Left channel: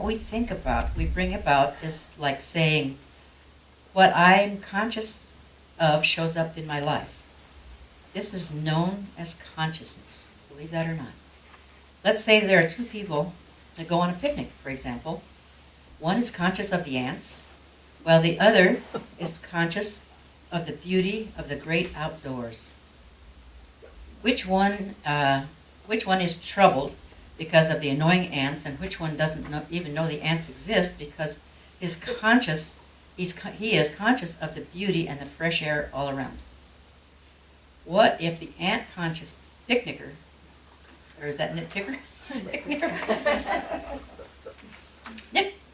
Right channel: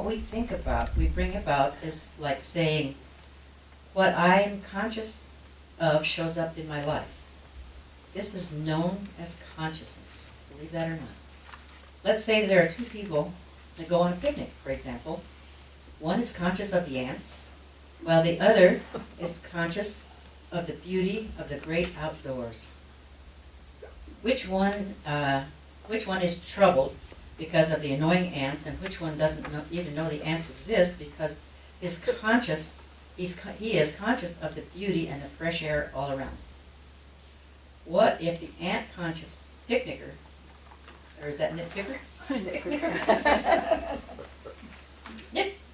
what we think about, we bring about, is like saying, what I am conscious of shows up in my life. This is known as consciousness, believe that or not. Let's say there are two people that go on a picnic, for example. One is conscious of the ants, while the other is conscious of the beauty of the great outdoors. Which one is troubled because of the annoying ants, and which one doesn't even know the ants exist because he is conscious of the beauty and the fresh air all around? What if the ant-conscious picnicker, or is that nitpicker?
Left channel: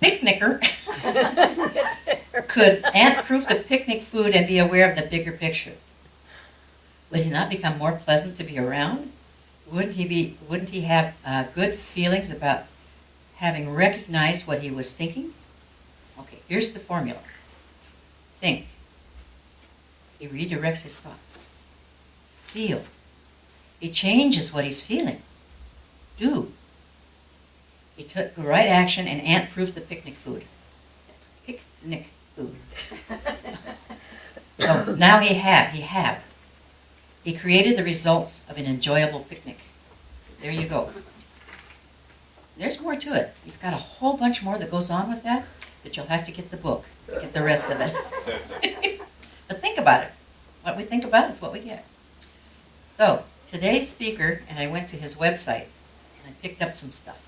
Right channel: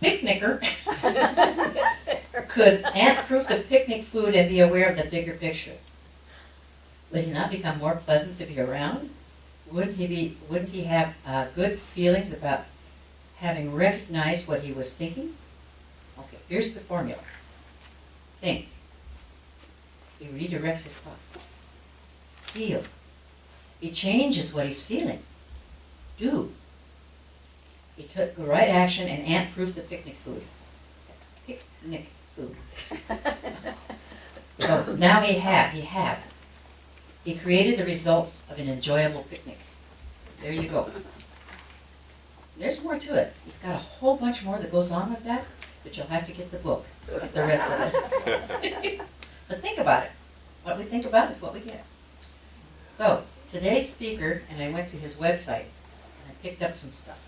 Picnicker could ant-proof the picnic food and be aware of the bigger picture? Would he not become more pleasant to be around? Wouldn't he have good feelings about having recognized what he was thinking? Okay, here's the formula. Think. He redirects his thoughts. Feel. He changes what he's feeling. Do. He took the right action and ant-proofed the picnic food. That's picnic food. So now he created the results of an enjoyable picnic. There you go. There's more to it. He's got a whole bunch more that goes on with that, but you'll have to get the book to get the rest of it. But think about it. What we think about is what we get. So today's speaker, and I went to his website, and I picked up some stuff.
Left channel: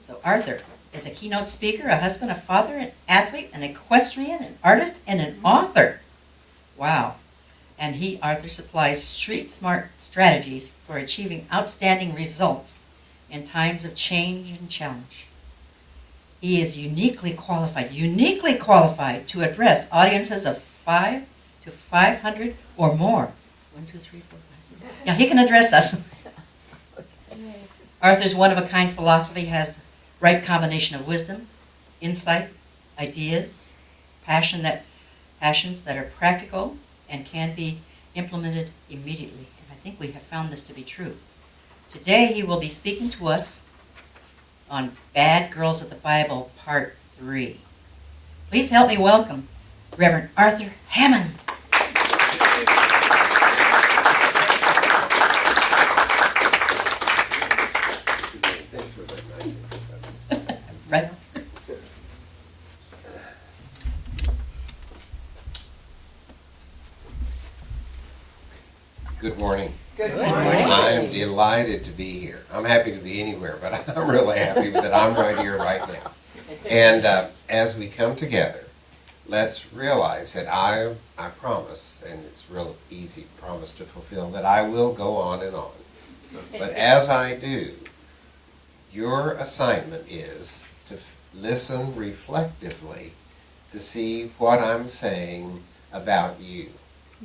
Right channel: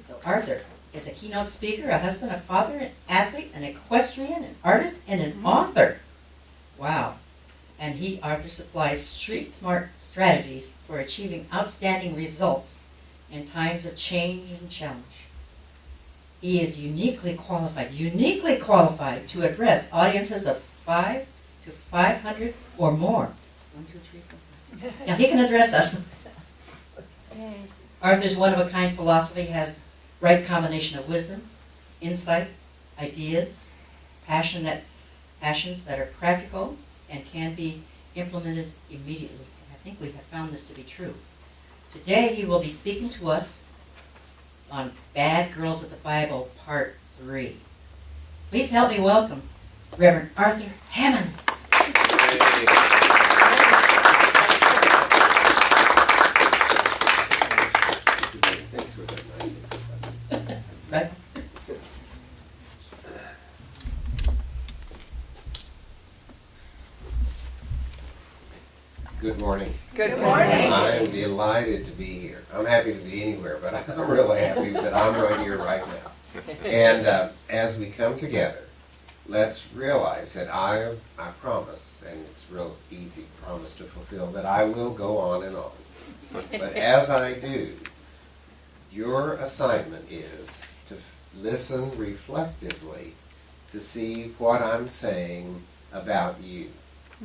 So Arthur is a keynote speaker, a husband, a father, an athlete, an equestrian, an artist, and an author. Wow. And Arthur, supplies street-smart strategies for achieving outstanding results in times of change and challenge. He is uniquely qualified to address audiences of 5 to 500 or more. 1, 2, 3, 4, 5. Yeah, he can address us. Arthur's one-of-a-kind philosophy has the right combination of wisdom, insight, ideas, passions that are practical and can be implemented immediately. And I think we have found this to be true. Today he will be speaking to us on Bad Girls of the Bible, Part 3. Please help me welcome Reverend Arthur Hammons. Right. Good morning. Good morning. I am delighted to be here. I'm happy to be anywhere, but I'm really happy that I'm right here right now. And as we come together, let's realize that I promise, and it's real easy promise to fulfill, that I will go on and on. But as I do, your assignment is to listen reflectively to see what I'm saying about you.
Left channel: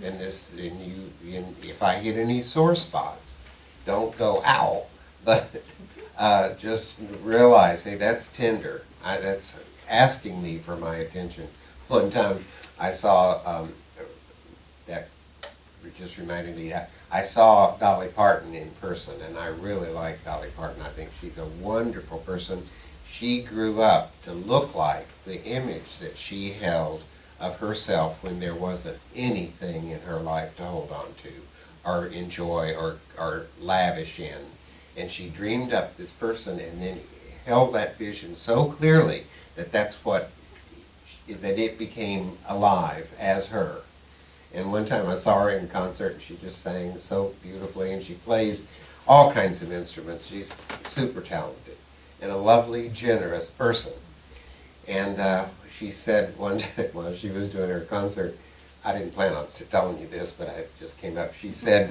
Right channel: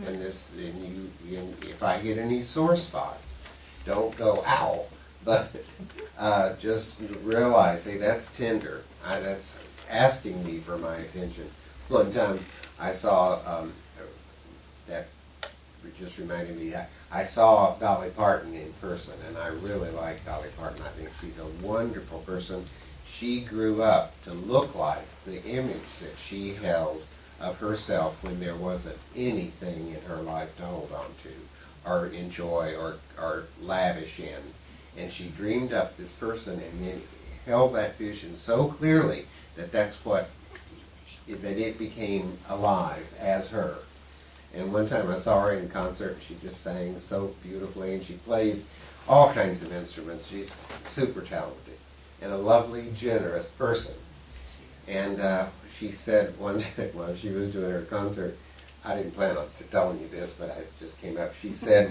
And if I hit any sore spots, don't go ow, but just realize, hey, that's tender. That's asking me for my attention. One time I saw that just reminded me, I saw Dolly Parton in person, and I really like Dolly Parton. I think she's a wonderful person. She grew up to look like the image that she held of herself when there wasn't anything in her life to hold on to or enjoy or lavish in. And she dreamed up this person and then held that vision so clearly that that it became alive as her. And one time I saw her in concert and she just sang so beautifully, and she plays all kinds of instruments. She's super talented and a lovely, generous person. And she said one day while she was doing her concert, I didn't plan on telling you this, but it just came up. She said,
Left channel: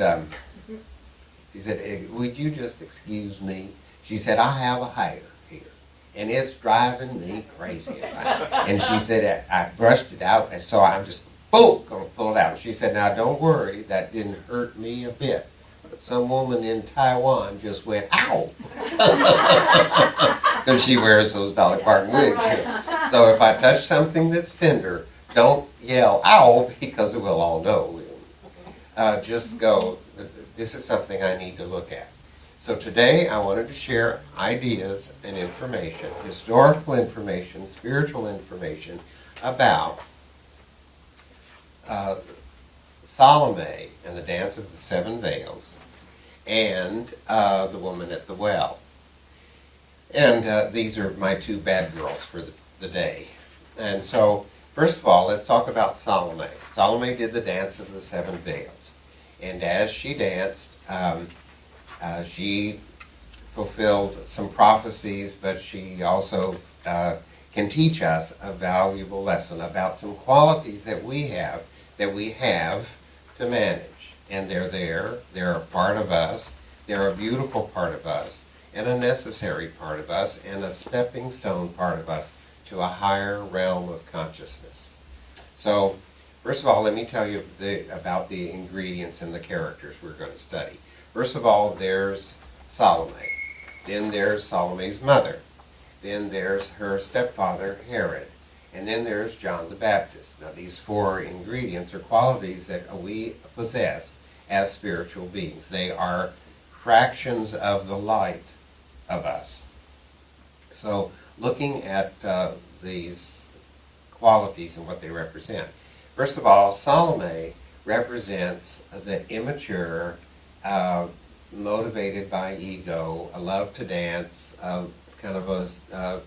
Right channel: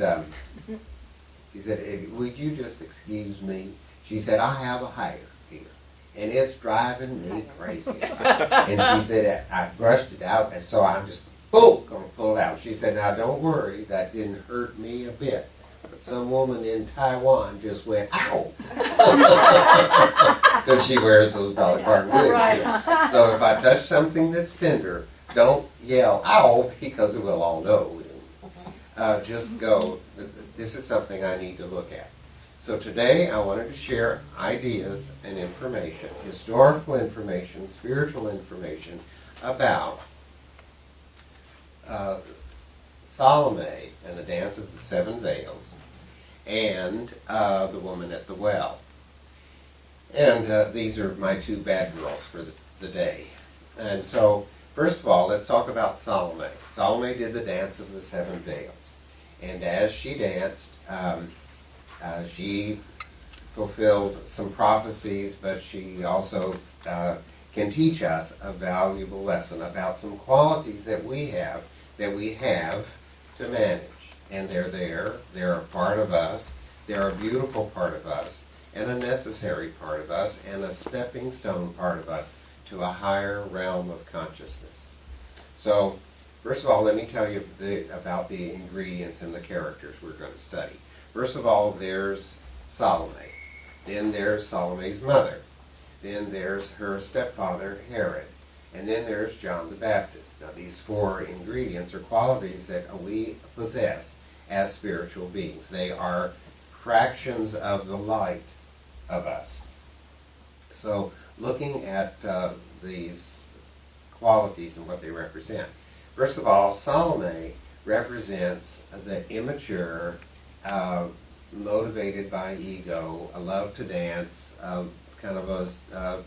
would you just excuse me? She said, I have a hair here, and it's driving me crazy. And she said, I brushed it out, and so I'm just, boom, going to pull it out. She said, now don't worry, that didn't hurt me a bit. But some woman in Taiwan just went, ow! Because she wears those Dolly Parton wigs. So if I touch something that's tender, don't yell, ow, because we'll all know. Just go, this is something I need to look at. So today I wanted to share ideas and information, historical information, spiritual information about Salome and the Dance of the Seven Veils and the woman at the well. And these are my two bad girls for the day. And so, first of all, let's talk about Salome. Salome did the Dance of the Seven Veils. And as she danced, she fulfilled some prophecies, but she also can teach us a valuable lesson about some qualities that we have to manage. And they're there, they're a part of us, they're a beautiful part of us, and a necessary part of us, and a stepping stone part of us to a higher realm of consciousness. So, first of all, let me tell you about the ingredients and the characters we're going to study. First of all, there's Salome. Then there's Salome's mother. Then there's her stepfather, Herod. And then there's John the Baptist. Now, these four ingredients are qualities that we possess as spiritual beings. They are fractions of the light of us. So, looking at these qualities and what they represent. First of all, Salome represents the immature, motivated by ego, a love to dance, kind of a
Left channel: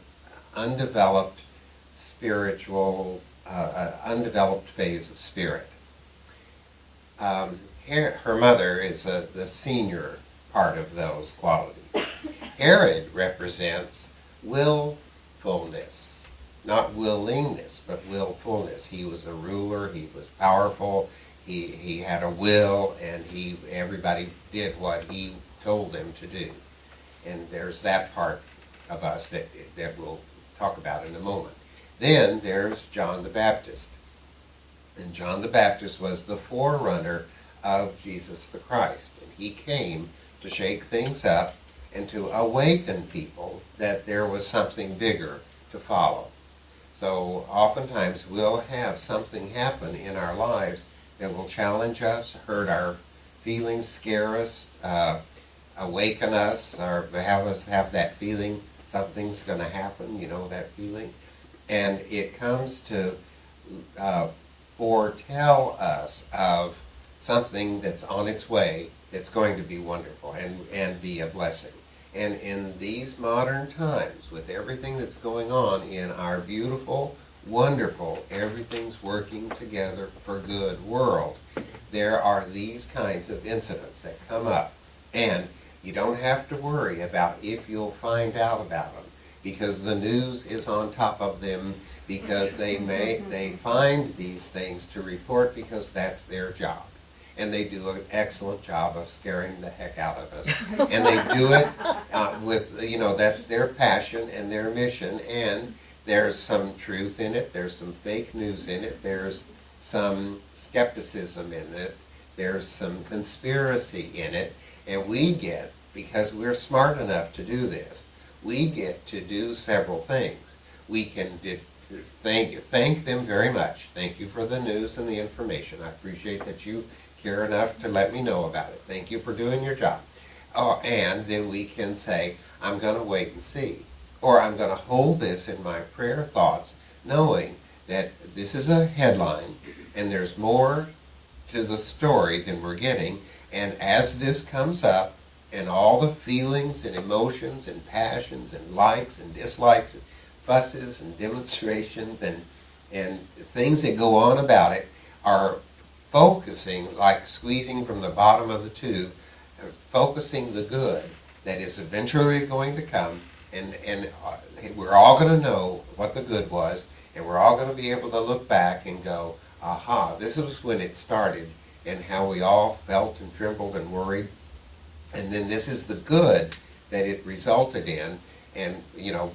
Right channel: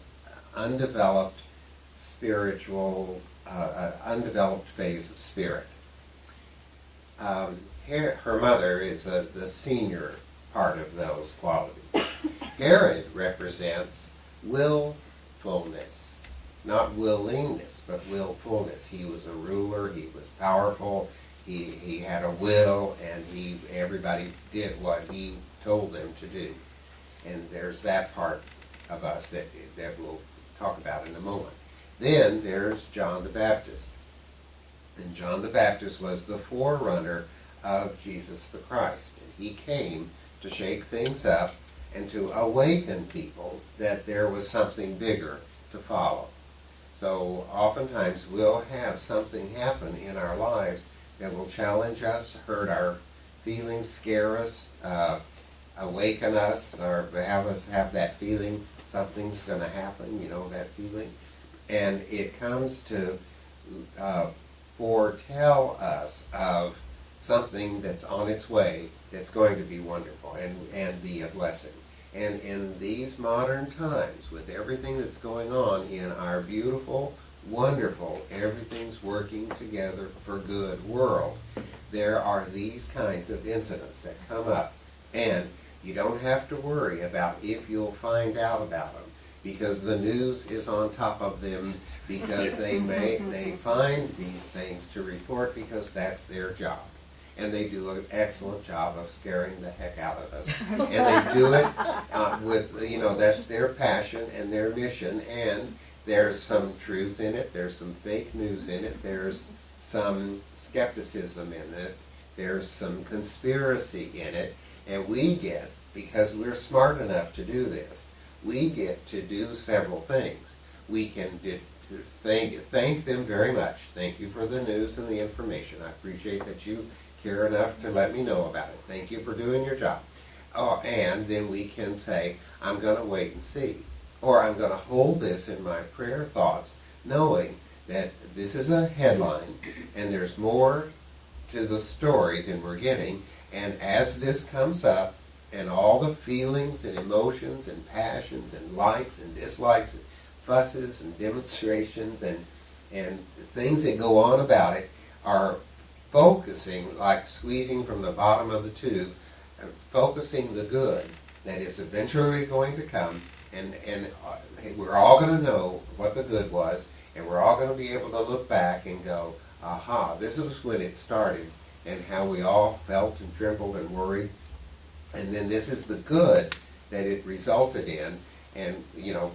undeveloped spiritual, undeveloped phase of spirit. Her mother is the senior part of those qualities. Herod represents willfulness, not willingness, but willfulness. He was a ruler, he was powerful, he had a will, and everybody did what he told them to do. And there's that part of us that we'll talk about in a moment. Then there's John the Baptist. And John the Baptist was the forerunner of Jesus the Christ. And he came to shake things up and to awaken people that there was something bigger to follow. So oftentimes we'll have something happen in our lives that will challenge us, hurt our feelings, scare us, awaken us, or have us have that feeling something's going to happen, that feeling. And it comes to foretell us of something that's on its way that's going to be wonderful and be a blessing. And in these modern times, with everything that's going on in our beautiful, wonderful, everything's working together for good world, there are these kinds of incidents that come up. And you don't have to worry about if you'll find out about them, because the news is on top of them, because they find these things to report because that's their job. And they do an excellent job of scaring the heck out of us. And they do it with, that's their passion and their mission. And there's some truth in it. There's some fake news in it. There's some skepticism in it. There's some conspiracy in it. And we get, because we're smart enough to do this, we get to do several things. We can thank them very much. Thank you for the news and the information. I appreciate that you care enough to let me know about it. Thank you for doing your job. And then we can say, I'm going to wait and see. Or I'm going to hold this in my prayer thoughts, knowing that this is a headline and there's more to the story than we're getting. And as this comes up, and all the feelings and emotions and passions and likes and dislikes and fusses and demonstrations and things that go on about it are focusing, like squeezing from the bottom of the tube, focusing the good that is eventually going to come, and we're all going to know what the good was, and we're all going to be able to look back and go, aha, this was when it started, and how we all felt and trembled and worried. And then this is the good that it resulted in. And,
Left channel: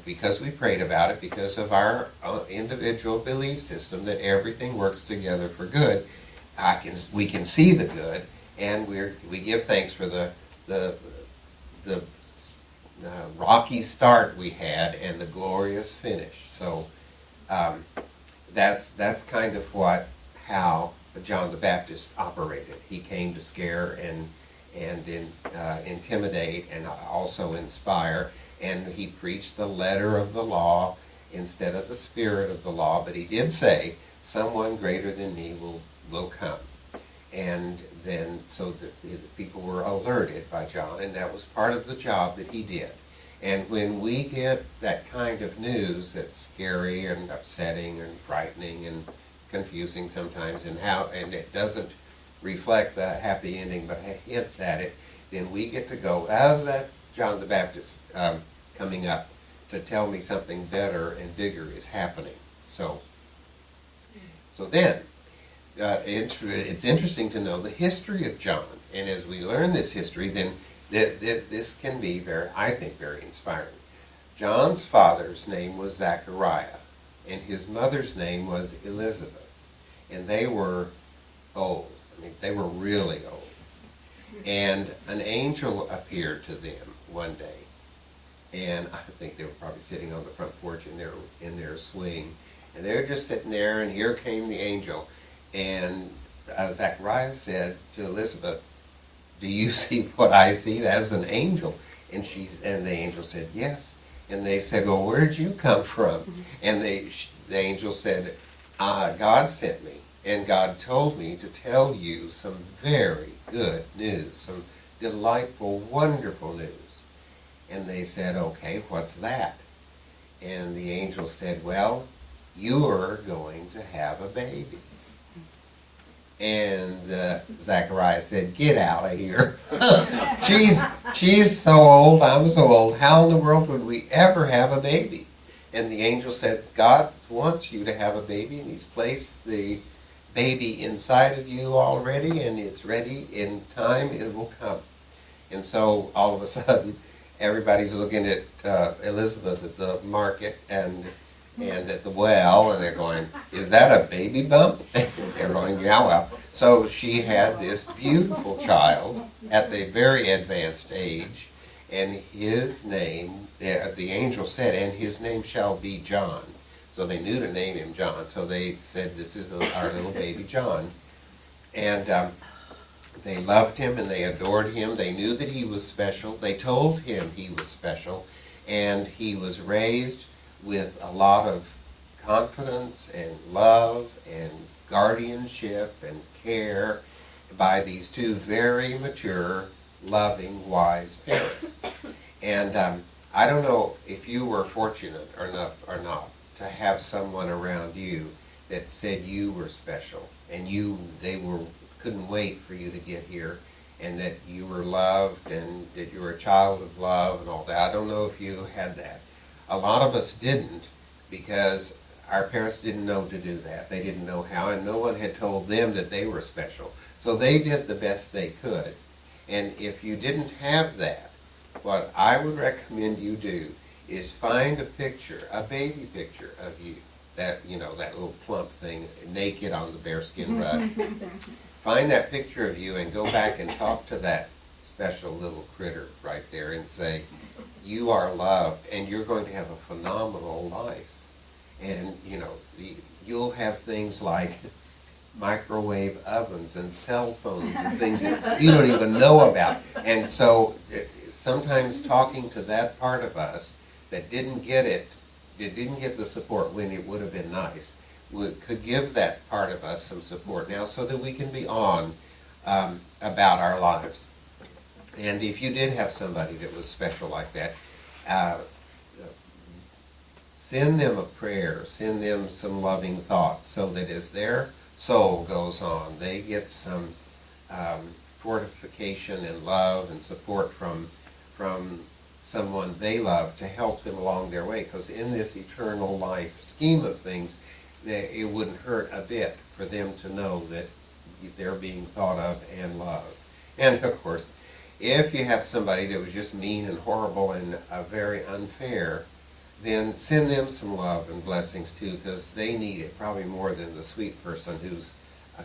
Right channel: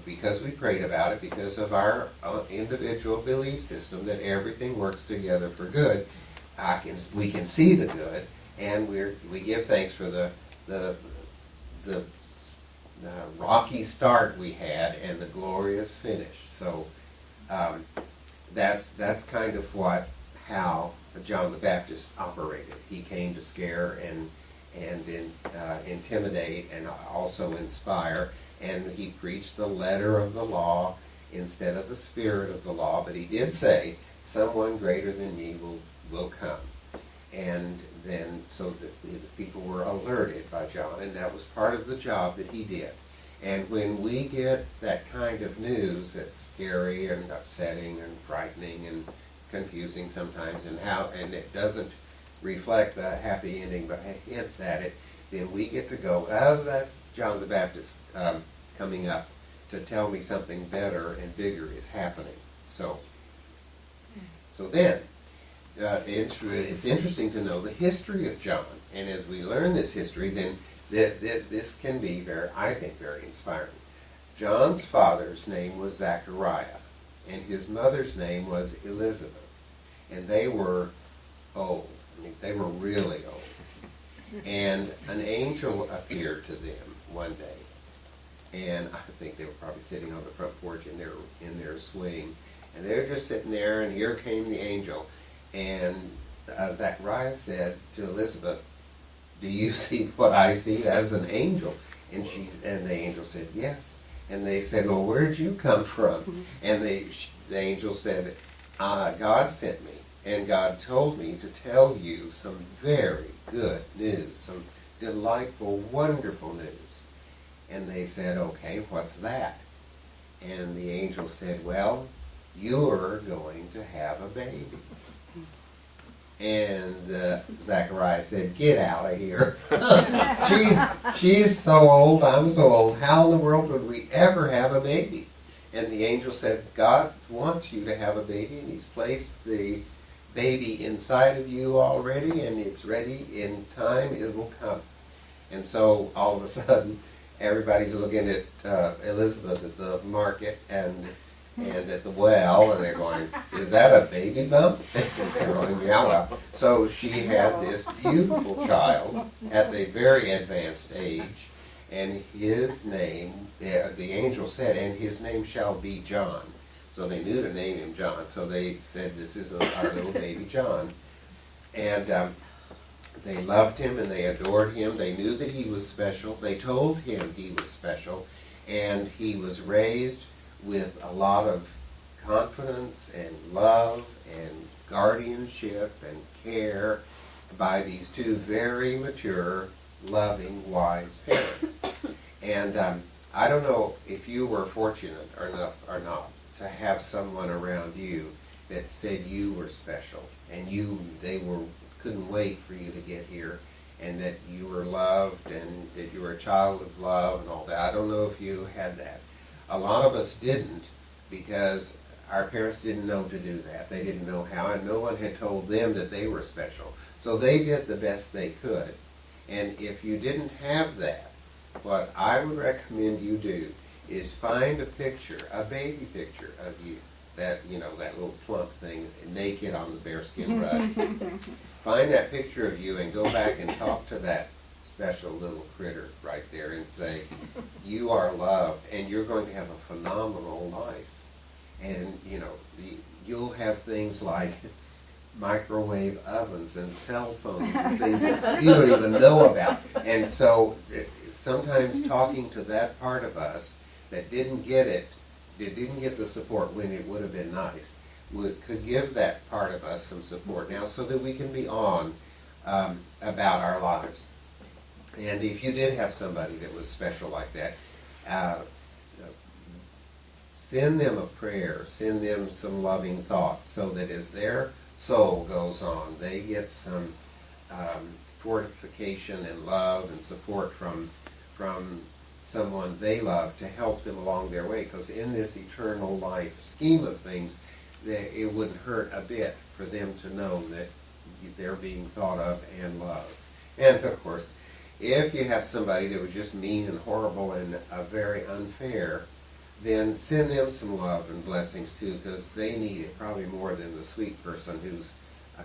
because we prayed about it, because of our individual belief system that everything works together for good, we can see the good, and we give thanks for the rocky start we had and the glorious finish. So that's kind of how John the Baptist operated. He came to scare intimidate and also inspire. And he preached the letter of the law instead of the spirit of the law. But he did say, someone greater than me will come. And then, so the people were alerted by John, and that was part of the job that he did. And when we get that kind of news that's scary and upsetting and frightening and confusing sometimes, and it doesn't reflect the happy ending but hints at it, then we get to go, oh, that's John the Baptist coming up to tell me something better and bigger is happening. So then, it's interesting to know the history of John, and as we learn this history, then this can be I think, very inspiring. John's father's name was Zachariah, and his mother's name was Elizabeth, and they were old. I mean, they were really old. And an angel appeared to them one day, and I think they were probably sitting on the front porch in their swing, and they were just sitting there, and here came the angel, and Zachariah said to Elizabeth, "Do you see what I see as an angel?" And the angel said, "Yes." And they said, "Well, where'd you come from?" And the angel said, "God sent me, and God told me to tell you some very good news, some delightful, wonderful news." And they said, "Okay, what's that?" And the angel said, "Well, you're going to have a baby." And Zachariah said, "Get out of here. She's so old, I'm so old. How in the world would we ever have a baby?" And the angel said, "God wants you to have a baby, and he's placed the baby inside of you already, and it's ready. In time it will come." And so all of a sudden, everybody's looking at Elizabeth at the market and at the well, and they're going, "Is that a baby bump?" And they're going, "Yeah, well." So she had this beautiful child at the very advanced age, and his name, the angel said, "And his name shall be John." So they knew to name him John. So they said, "This is our little baby John." And they loved him and they adored him. They knew that he was special. They told him he was special, and he was raised with a lot of confidence and love and guardianship and care by these two very mature, loving, wise parents. And I don't know if you were fortunate enough or not to have someone around you that said you were special, and they couldn't wait for you to get here, and that you were loved and that you were a child of love and all that. I don't know if you had that. A lot of us didn't, because our parents didn't know to do that. They didn't know how, and no one had told them that they were special. So they did the best they could. And if you didn't have that, what I would recommend you do is find a picture, a baby picture of you, that little plump thing, naked on the bearskin rug. Find that picture of you and go back and talk to that special little critter right there and say, "You are loved, and you're going to have a phenomenal life." And you'll have things like microwave ovens and cell phones and things that you don't even know about. And so sometimes talking to that part of us that didn't get the support when it would have been nice, could give that part of us some support now, so that we can be on about our lives. And if you did have somebody that was special like that, send them a prayer, send them some loving thoughts, so that as their soul goes on, they get some fortification and love and support from someone they love to help them along their way. Because in this eternal life scheme of things, it wouldn't hurt a bit for them to know that they're being thought of and loved. And of course, if you have somebody that was just mean and horrible and very unfair, then send them some love and blessings too, because they need it probably more than the sweet person whose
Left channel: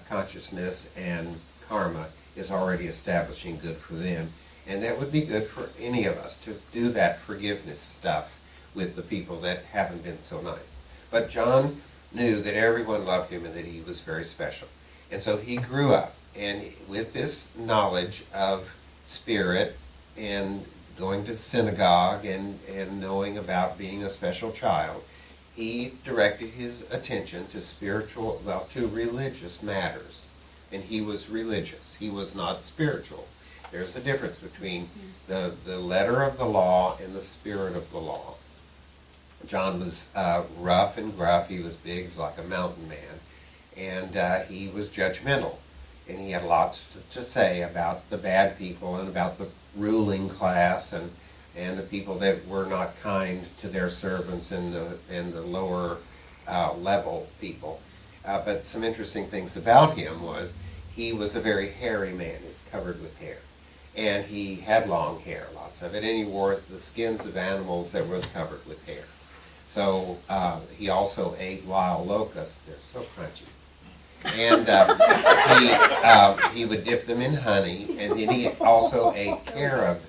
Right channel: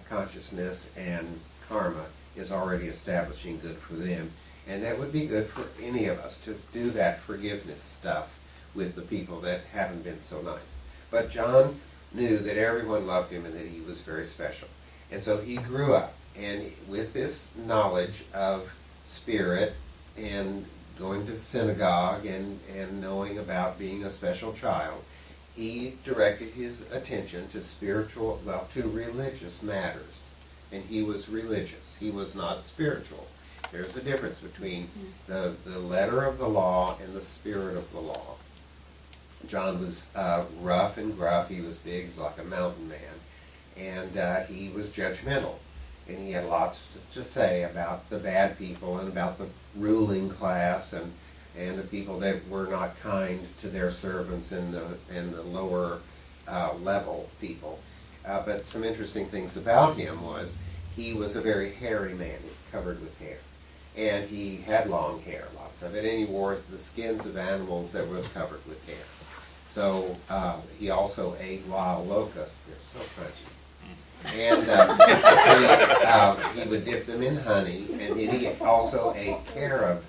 consciousness and karma is already establishing good for them. And that would be good for any of us, to do that forgiveness stuff with the people that haven't been so nice. But John knew that everyone loved him and that he was very special. And so he grew up, and with this knowledge of spirit and going to synagogue and knowing about being a special child, he directed his attention to to religious matters. And he was religious. He was not spiritual. There's a difference between the letter of the law and the spirit of the law. John was rough and gruff. He was big, he's like a mountain man. And he was judgmental. And he had lots to say about the bad people and about the ruling class and the people that were not kind to their servants and the lower level people. But some interesting things about him was he was a very hairy man. He was covered with hair. And he had long hair, lots of it, and he wore the skins of animals that were covered with hair. So he also ate wild locusts. They're so crunchy. And he would dip them in honey, and then he also ate carob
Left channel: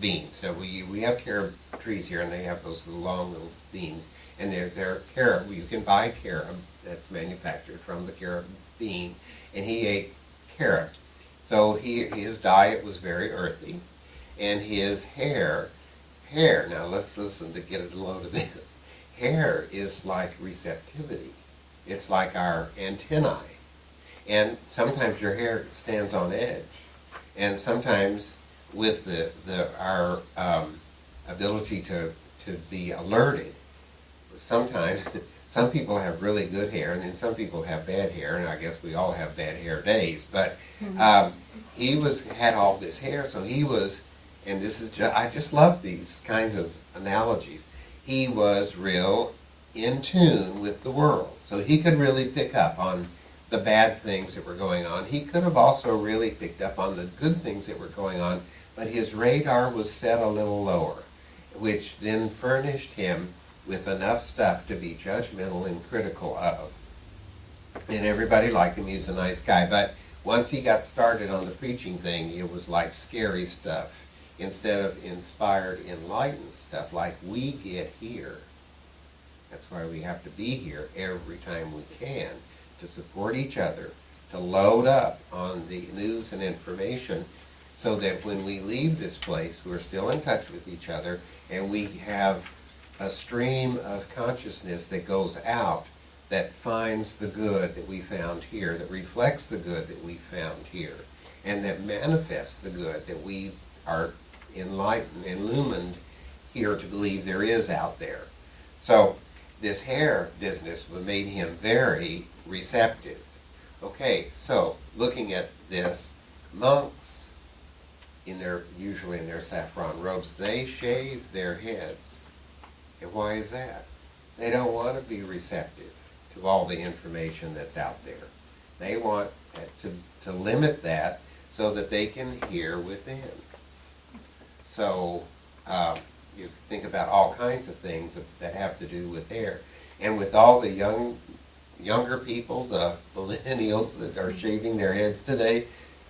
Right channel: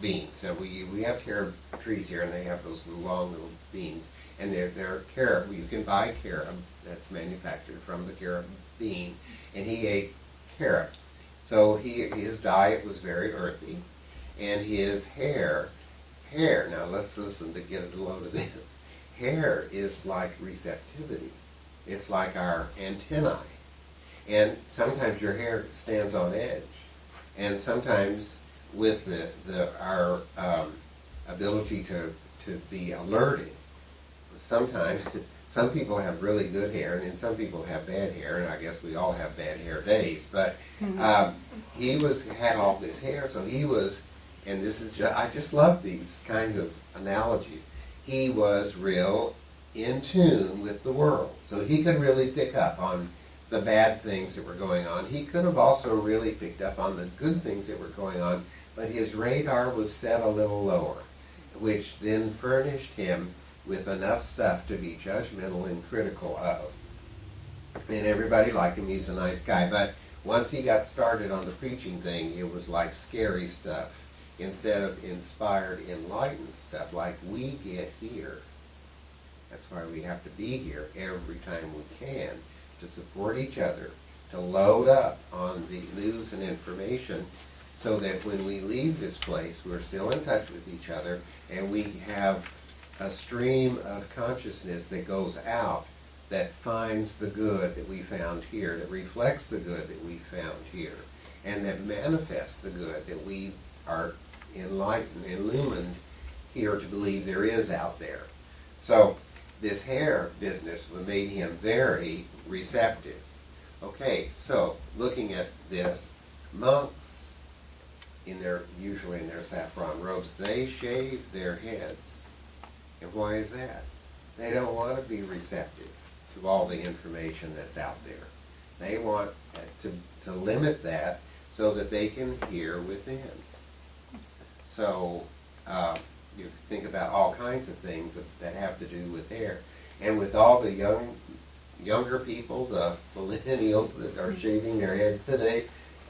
beans. So we have carob trees here, and they have those long little beans, and they're carob. You can buy carob that's manufactured from the carob bean, and he ate carob. So his diet was very earthy, and his hair, now let's listen to get a load of this. Hair is like receptivity. It's like our antennae. And sometimes your hair stands on edge. And sometimes with our ability to be alerted, sometimes some people have really good hair, and then some people have bad hair, and I guess we all have bad hair days. But he had all this hair, so he was, and this is I just love these kinds of analogies. He was real in tune with the world, so he could really pick up on the bad things that were going on. He could have also really picked up on the good things that were going on, but his radar was set a little lower, which then furnished him with enough stuff to be judgmental and critical of. And everybody liked him. He's a nice guy. But once he got started on the preaching thing, it was like scary stuff instead of inspired, enlightened stuff like we get here. That's why we have to be here every time we can, to support each other, to load up on the news and information so that when we leave this place, we're still in touch with each other and we have a stream of consciousness that goes out that finds the good that we found here, that reflects the good that we found here, and that manifests the good that we are enlightened, illumined here to believe there is out there. So this hair business made him very receptive. Okay, so looking at this, monks, usually in their saffron robes, they shave their heads. And why is that? They don't want to be receptive to all the information that's out there. They want to limit that so that they can hear within. So you think about all kinds of things that have to do with hair. And with all the younger people, the millennials that are shaving their heads today,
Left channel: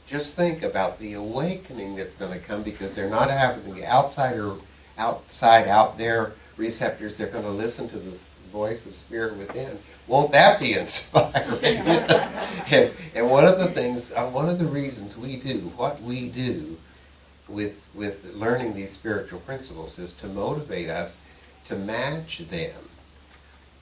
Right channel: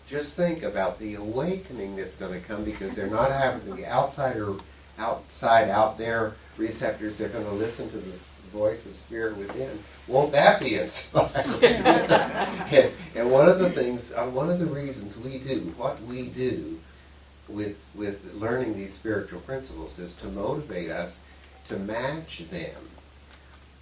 just think about the awakening that's going to come, because they're not having the outside out there receptors. They're going to listen to the voice of spirit within. Won't that be inspiring? And one of the things, one of the reasons we do what we do with learning these spiritual principles is to motivate us to match them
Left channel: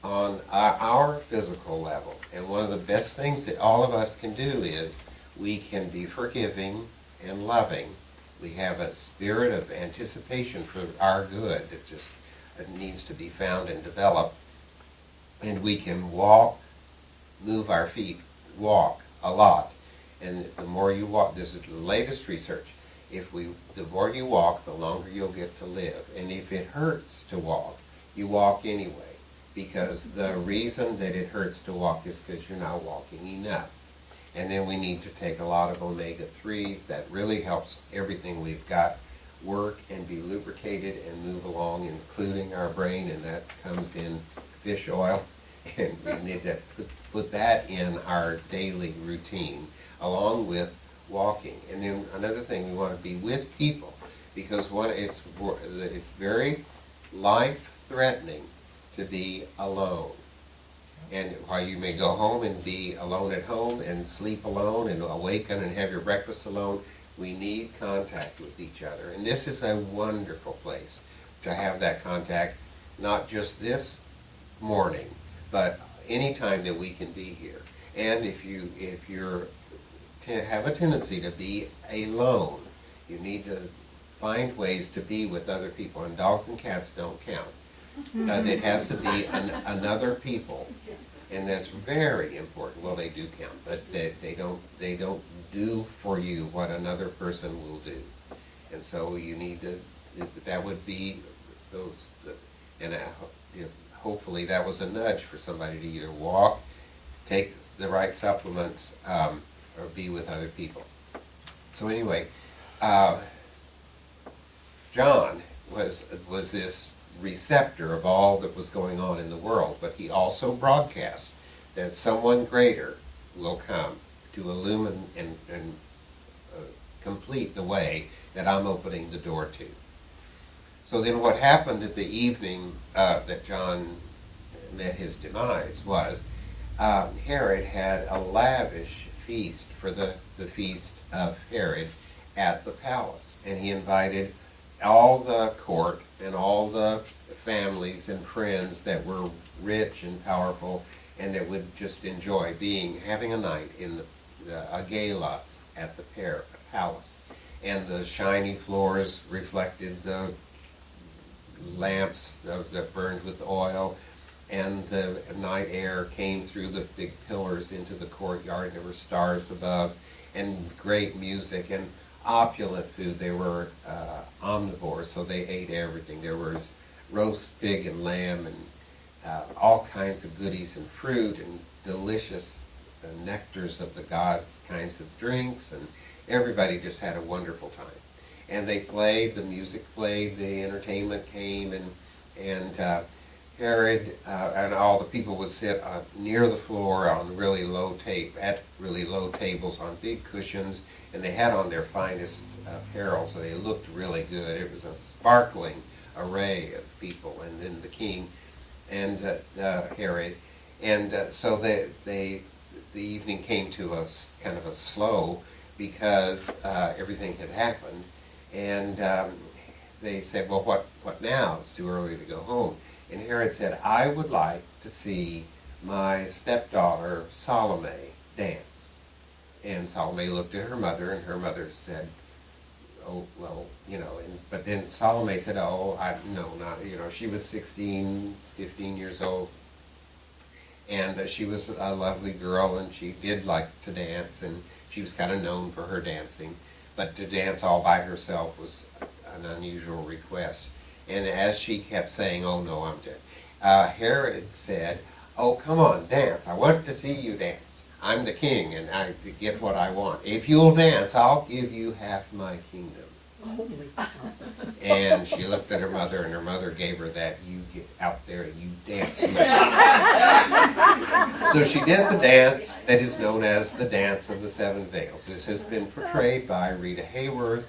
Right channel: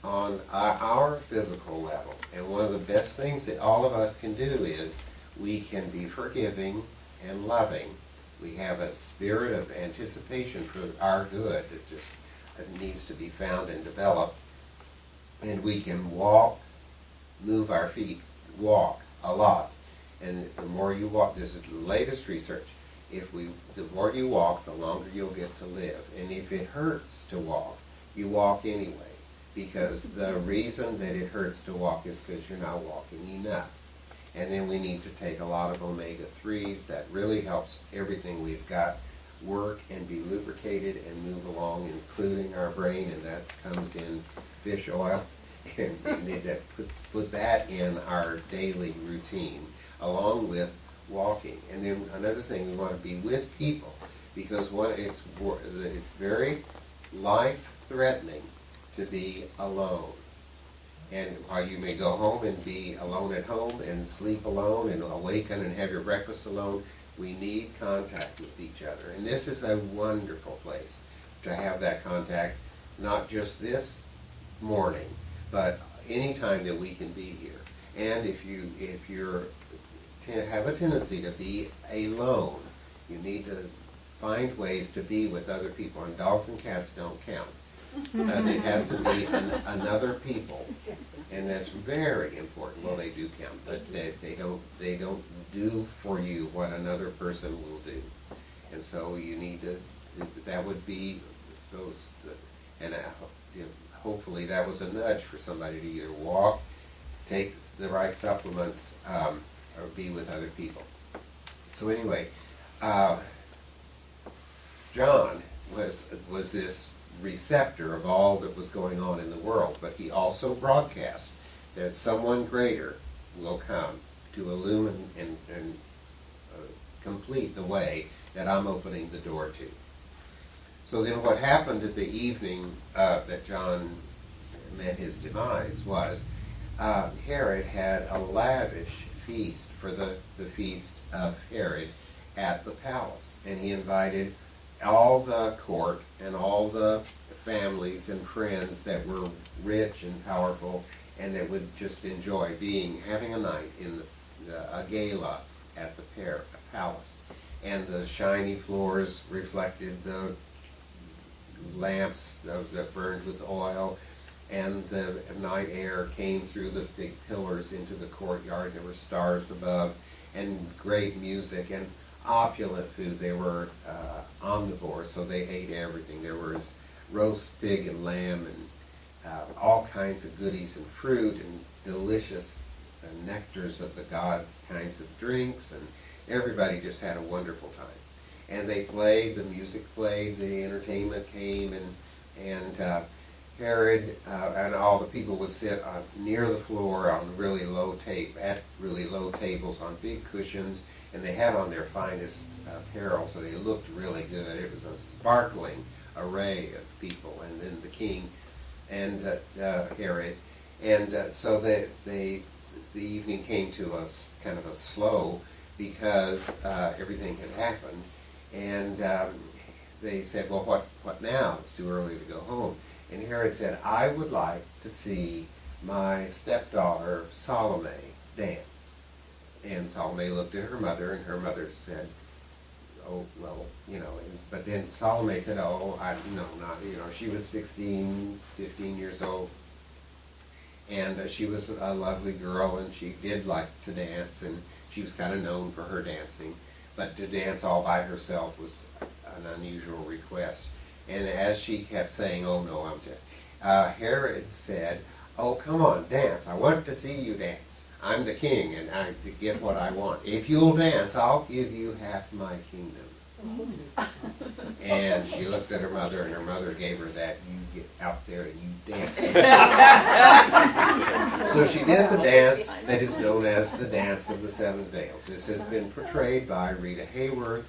on our physical level. And one of the best things that all of us can do is we can be forgiving and loving. We have a spirit of anticipation for our good that needs to be found and developed. And we can walk, move our feet, walk a lot. And the more you walk, this is the latest research, the more you walk, the longer you'll get to live. And if it hurts to walk, you walk anyway. Because the reason that it hurts to walk is because you're not walking enough. And then we need to take a lot of omega-3s. That really helps everything we've got work and be lubricated and move along, including our brain, and that comes in fish oil. And we need to put that in our daily routine, along with walking. And then another thing, we want to be with people, because it's very life-threatening to be alone. And while you may go home and be alone at home and sleep alone and awaken and have your breakfast alone, We need contact with each other. And this is a wonderful place to have that contact, not just this morning, but any time that we can be here. And if you're have a tendency to be alone, you need to find ways to be with other people. And dogs and cats don't count. It has to be another people, and that's very important. Well, they do count, but they don't do for you what another person will do. And so you need to. That would be those, and hopefully that was a nudge for somebody to either walk, take the right supplements, or be with other people. So anyway, John was this receptor of all that was going on in the world, but he also broadcast that someone greater will come to illumine and complete the way that I'm opening the door to. So then what happened at the evening that John met his demise was Herod had a lavish feast for the feast of Herod at the palace, and he invited all the court and all the families and friends that were rich and powerful and that would just enjoy having a night in a gala at the palace. And the shiny floors reflected the lamps that burned with oil, and the night air came through the big pillars into the courtyard. There were stars above, and great music, and opulent food. They were omnivores, so they ate everything. There was roast pig and lamb and all kinds of goodies and fruit and delicious nectars of the gods, kinds of drinks, and everybody just had a wonderful time. And they played, the music played, the entertainment came, and Herod and all the people would sit near the floor on really low tables on big cushions, and they had on their finest apparel, so they looked really good. It was a sparkling array of people, and then the king and Herod, and so the evening came to us kind of a slow because everything had happened, and they said, well, what now? It's too early to go home. And Herod said, I would like to see my stepdaughter Salome dance. And Salome looked at her mother, and her mother said, oh, well, but then Salome said, oh, she was 16, 15 years old, and she was a lovely girl, and she did like to dance, and she was kind of known for her dancing, but to dance all by herself was an unusual request. And as she kept saying, oh no, I'm dead, Herod said, oh, come on, dance. I want to see you dance. I'm the king, and I get what I want. If you'll dance, I'll give you half my kingdom. And she looked at her mother, and her mother gave her that, you get out there and you dance. So she did the dance that is known as the Dance of the Seven Veils. This has been portrayed by Rita Hayworth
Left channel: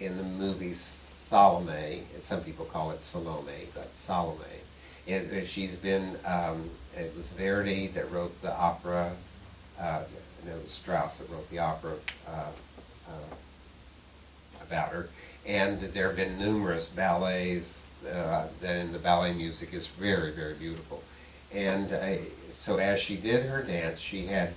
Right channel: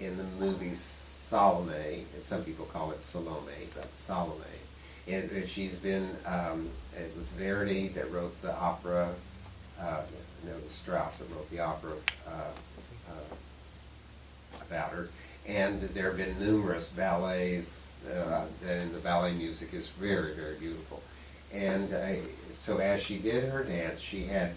in the movie Salome, and some people call it Salome, but Salome. And she's been, it was Verdi that wrote the opera, it was Strauss that wrote the opera about her. And there have been numerous ballets, and the ballet music is very, very beautiful. And so as she did her dance, she had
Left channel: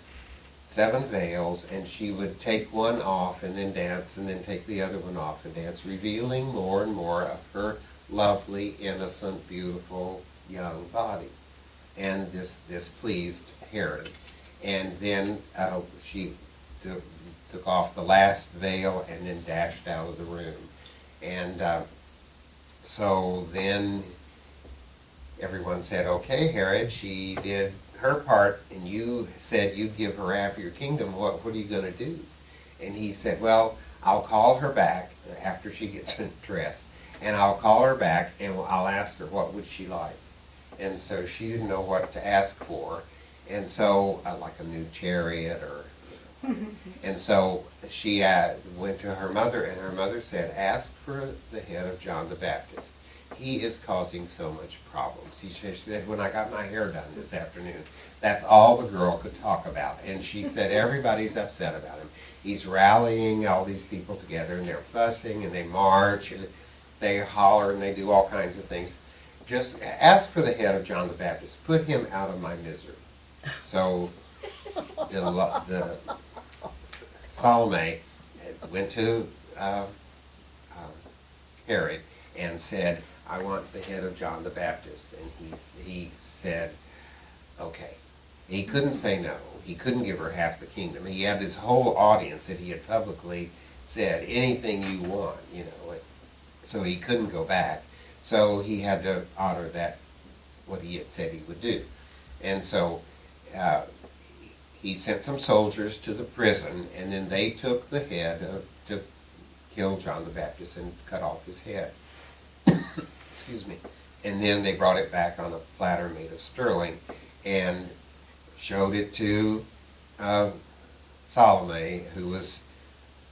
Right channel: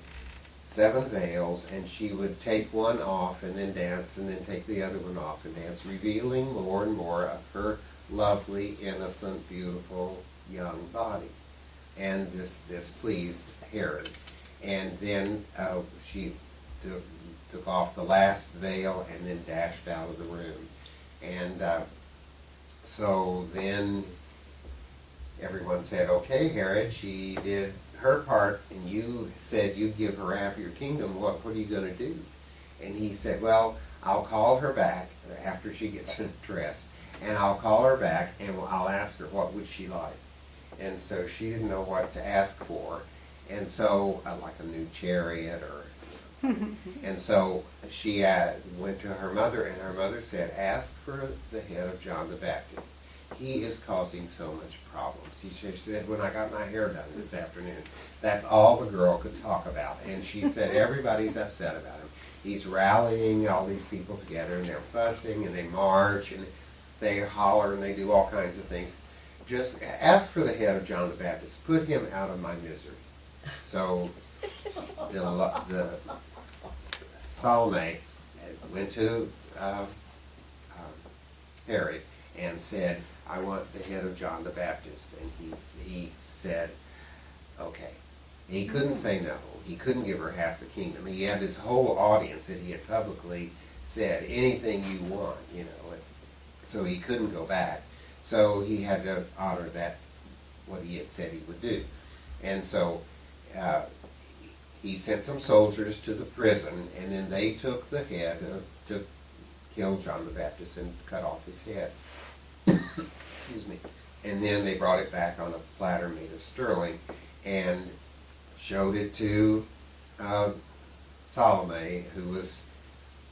7 veils, and she would take one off and then dance, and then take the other one off and dance, revealing more and more of her lovely, innocent, beautiful young body. And this pleased Herod. And then she took off the last veil and then dashed out of the room. And so then everyone said, okay, Herod, she did her part, and you said you'd give her half of your kingdom. What are you going to do? And he said, well, I'll call her back after she gets dressed, and I'll call her back, and I'll ask her what would she like. And so she didn't know what to ask for, and so like a new chariot or and so she went to her mother, and her mother said, ask for the head of John the Baptist. he is causing so much problems. She said, when I got my hair done this afternoon, that's all the girl could talk about. And she said, everybody's upset about him. He's rallying all these people together, and they're fussing, and they march, and they holler, and they do all kinds of things. Just ask for the head of John the Baptist. Put him out of my misery. So the Salome went to Herod and said, I want the head of John the Baptist. And he said, okay. He couldn't say no. He couldn't give her half the kingdom. He had this whole audience that he had publicly said, anything you want, you know. So he couldn't go back. So he had to honor that, what he had said he would do. And so he sent some soldiers to the prison, and then they took the head to kill John the Baptist and cut off his head. Excuse me. And then they brought it back on a platter made of sterling and showed it to Salome, who was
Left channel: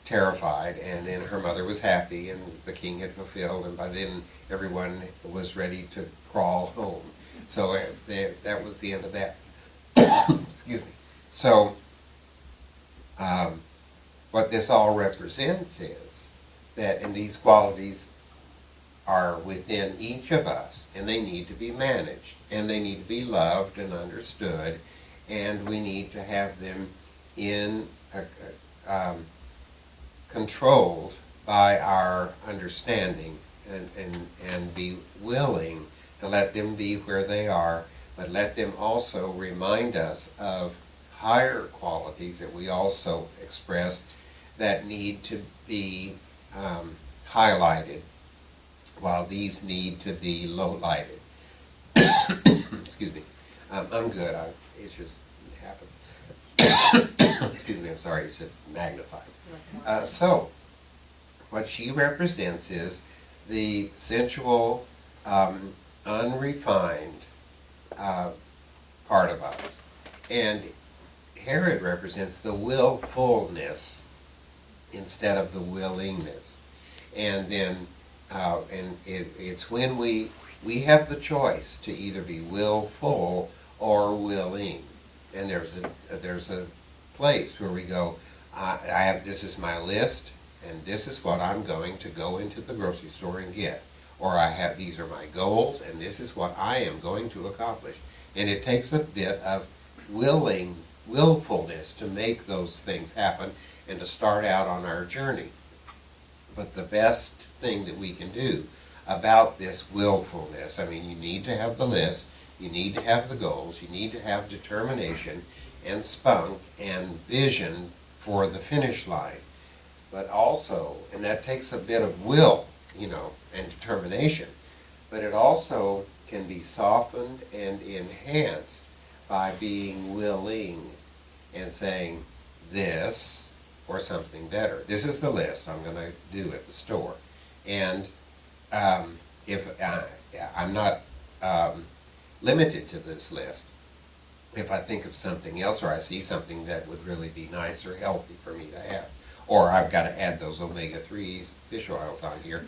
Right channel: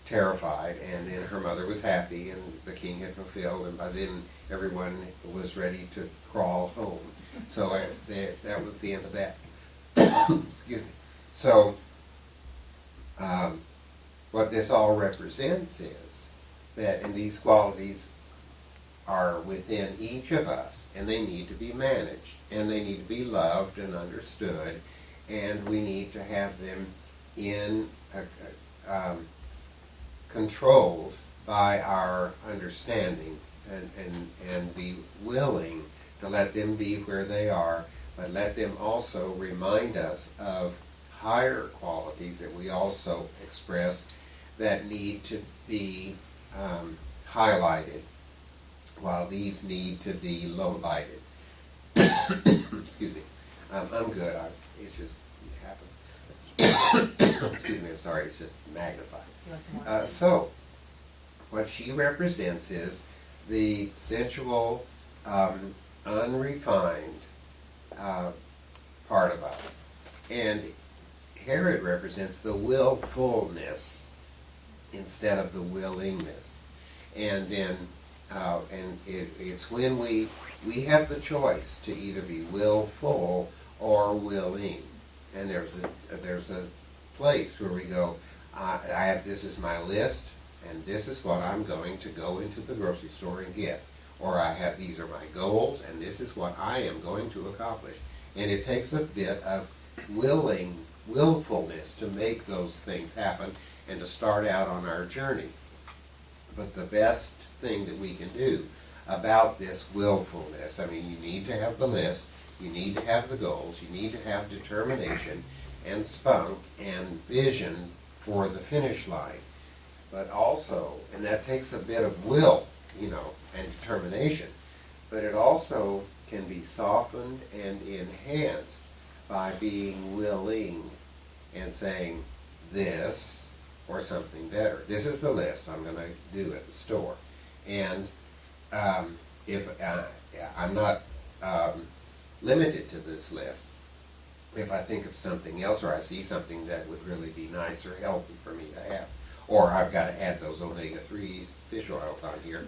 terrified, and then her mother was happy, and the king had fulfilled, and by then everyone was ready to crawl home. So that was the end of that. Excuse me. So what this all represents is that, and these qualities are within each of us, and they need to be managed, and they need to be loved and understood, and we need to have them in controlled by our understanding, and be willing to let them be where they are, but let them also remind us of higher qualities that we also express that need to be highlighted, while these need to be low-lighted. Excuse me. I'm good. It just happens. Excuse me, I'm sorry, it's just magnified. So, what she represents is the sensual, unrefined part of us. And Herod represents the willfulness instead of the willingness. And then, it's when we have the choice to either be willful or willing. And there's a place where we go, this is my list, and this is what I'm going to go into the grocery store and get. Or these are my goals, and this is what I am going to accomplish. And it takes a bit of willfulness to make those things happen and to start out on our journey. But the best thing that we can do about this willfulness, I mean, you need to have the list, you need to have the goals, you need to have determination and spunk and vision for the finish line. But also, and that takes a bit of will, you know, and determination, but it also can be softened and enhanced by being willing and saying this or something better. This is the list I'm going to do at the store. And if I'm not limited to this list, if I think of something else or I see something that would really be nice or healthy for me to have, or I've got to add those omega-3s fish oils on here,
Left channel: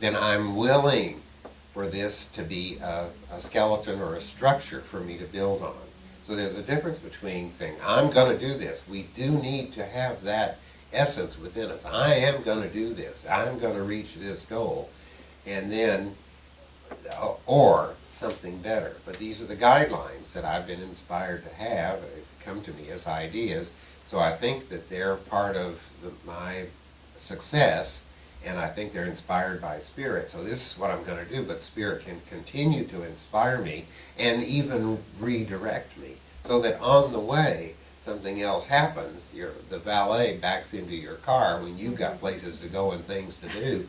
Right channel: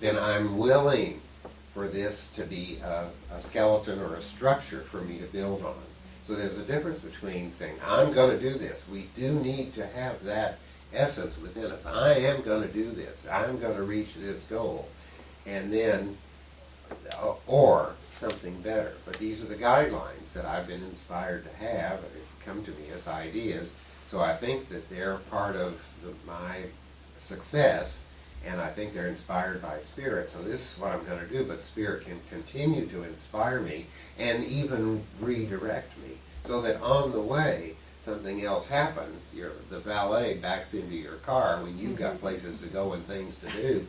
then I'm willing for this to be a skeleton or a structure for me to build on. So there's a difference between saying, I'm going to do this. We do need to have that essence within us. I am going to do this. I'm going to reach this goal. And then, or something better. But these are the guidelines that I've been inspired to have come to me as ideas. So I think that they're part of my success, and I think they're inspired by Spirit. So this is what I'm going to do, but Spirit can continue to inspire me and even redirect me, so that on the way something else happens. The valet backs into your car when you've got places to go and things to do.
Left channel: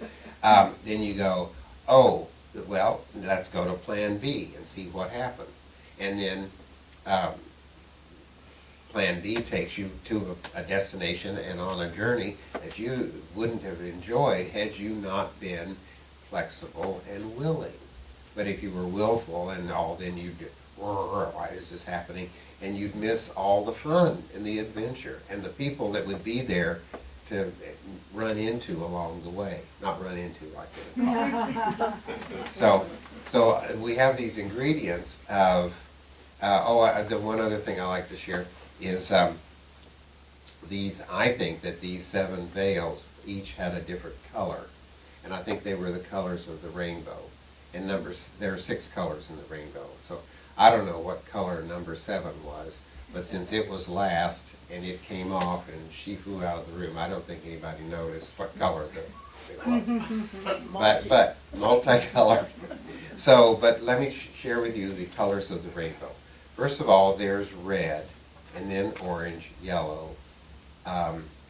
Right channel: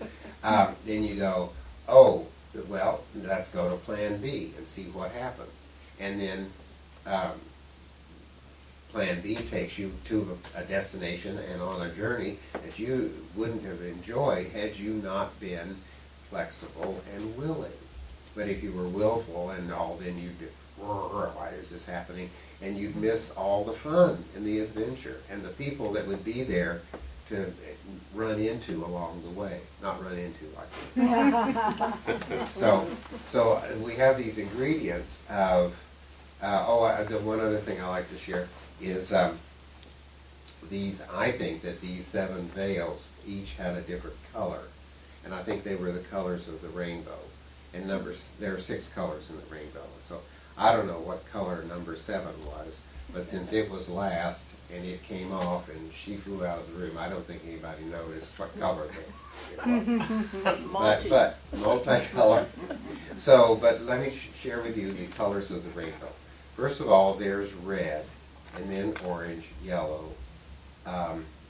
Then you go, oh, well, let's go to plan B and see what happens. And then plan B takes you to a destination and on a journey that you wouldn't have enjoyed had you not been flexible and willing. But if you were willful and all, then you'd, why is this happening? And you'd miss all the fun and the adventure and the people that would be there to run into along the way, not run into like that. So we have these ingredients of, the one other thing I like to share is I think that these 7 veils each had a different color, and I think they were the colors of the rainbow. And there are 6 colors in the rainbow, so I don't know what color number 7 was, but since it was last and it came off and she flew out of the room, I don't think anybody noticed what color it was. But multicolor. So, but let me share with you the colors of the rainbow. First of all, there's red, and then orange, yellow,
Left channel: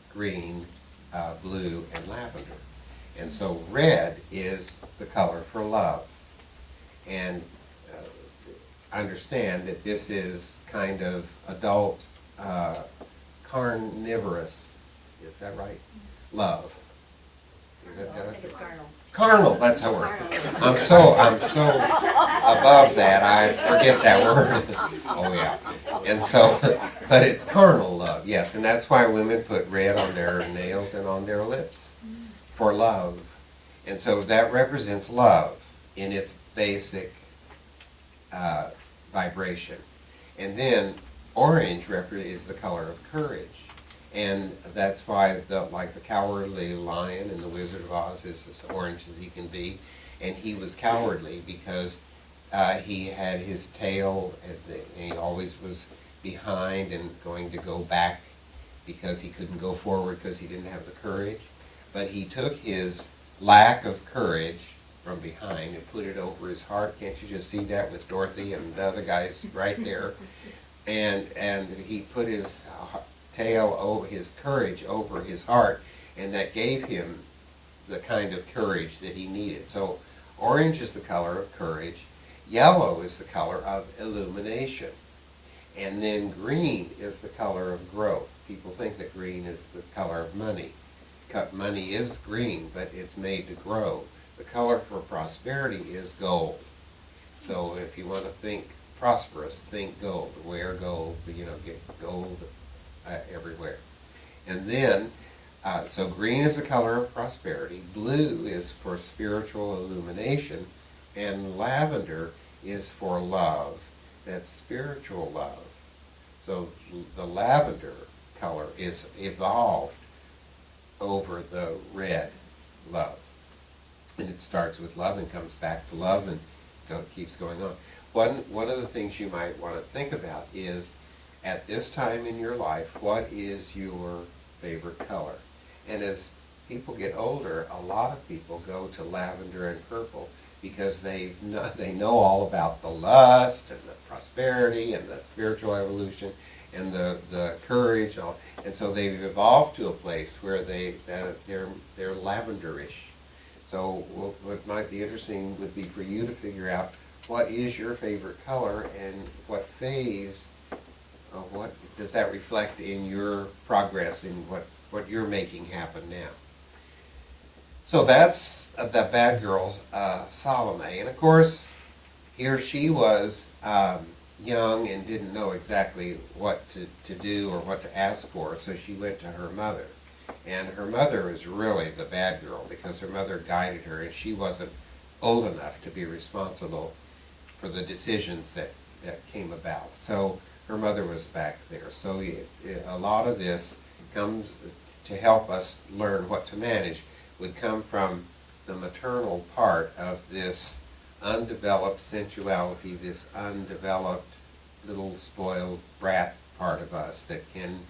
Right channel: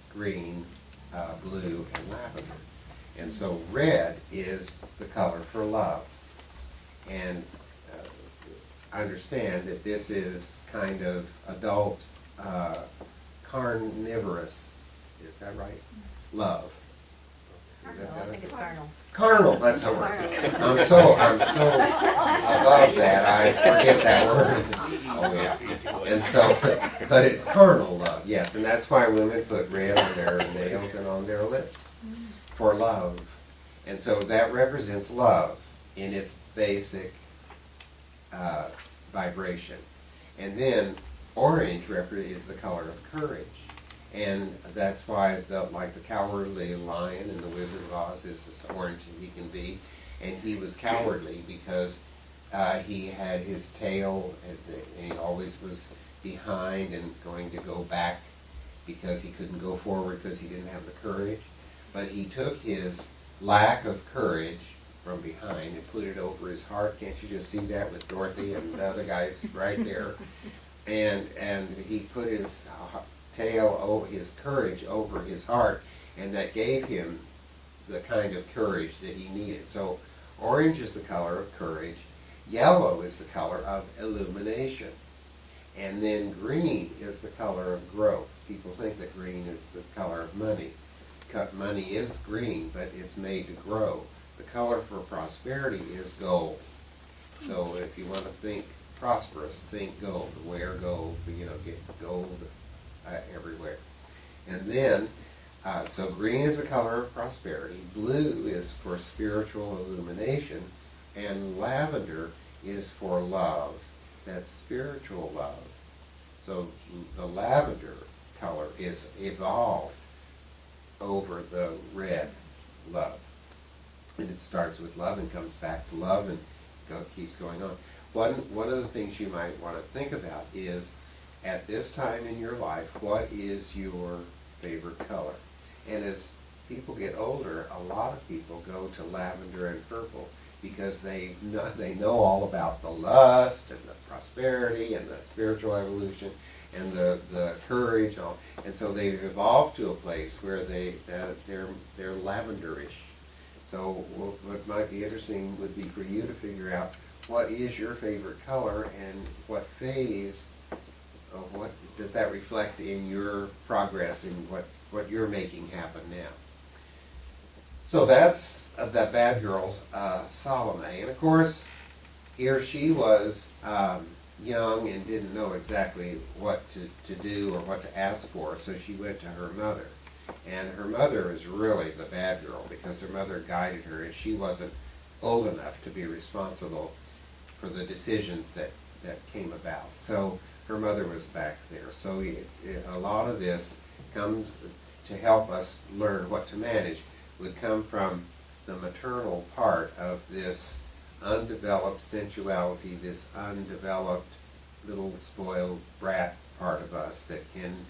green, blue, and lavender. And so red is the color for love. And understand that this is kind of adult, carnivorous, is that right? Love. Is that, I think it's carnal. Carnal, that's the word. I'm so above that, I forget that word. Oh yeah. And so, but it's carnal love, yes, and that's why women put red on their nails and on their lips for love. And so that represents love in its basic vibration. And then orange is the color of courage. And that's why like the cowardly lion in the Wizard of Oz is as orange as he can be. And he was cowardly because he had his tail, and he always was behind and going to go back because he couldn't go forward because he didn't have the courage. But he took his lack of courage from behind and put it over his heart. Can't you just see that with Dorothy and the other guys right there? And he put his tail over his courage over his heart, and that gave him the kind of courage that he needed. So orange is the color of courage, yellow is the color of illumination, and then green is the color of growth. People think that green is the color of money. Money is green, but it's made to grow. The color for prosperity is gold. So if you want to think prosperous, think gold. Wear gold, get gold everywhere. And then, so green is the color of prosperity, blue is for spiritual illumination, and lavender is for love. That's spiritual love. So the lavender color is evolved over the red love. And it starts with love and comes back to love and keeps going on. One of the things you might want to think about is, at this time in your life, what is your favorite color? And as people get older, a lot of people go to lavender and purple because they know all about the lust and the prosperity and the spiritual evolution and the courage, and so they've evolved to a place where they're lavenderish. So what might be interesting would be for you to figure out what is your favorite color and what phase, what does that reflect in your progress in what you're making happen now. So that's the bad girl, Salome. And of course, here she was young and didn't know exactly what to do or what to ask for, so she went to her mother. And her mother is really the bad girl because her mother guided her, and she wasn't old enough to be responsible for the decisions that came about. So her mother was back there. So a lot of this comes to help us learn what to manage, would come from the maternal part of this undeveloped sensuality, this undeveloped little spoiled brat part of us that can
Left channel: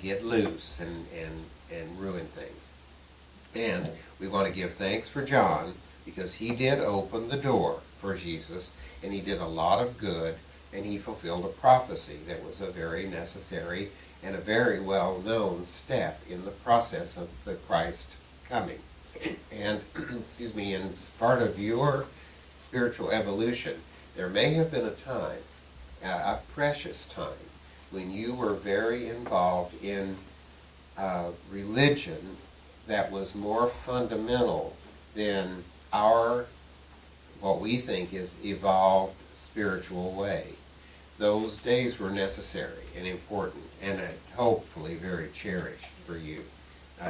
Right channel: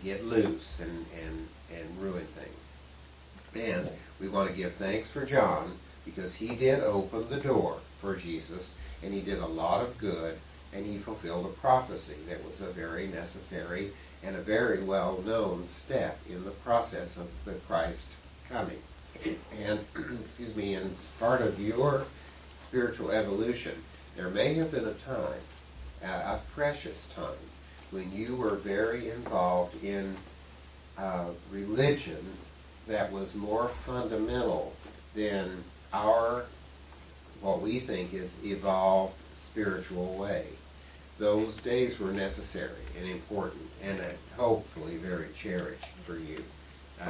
get loose and ruin things. And we want to give thanks for John because he did open the door for Jesus, and he did a lot of good, and he fulfilled a prophecy that was a very necessary and a very well-known step in the process of the Christ coming. And, excuse me, and as part of your spiritual evolution, there may have been a time, a precious time, when you were very involved in religion that was more fundamental than what we think is evolved spiritual way. Those days were necessary and important and hopefully very cherished for you.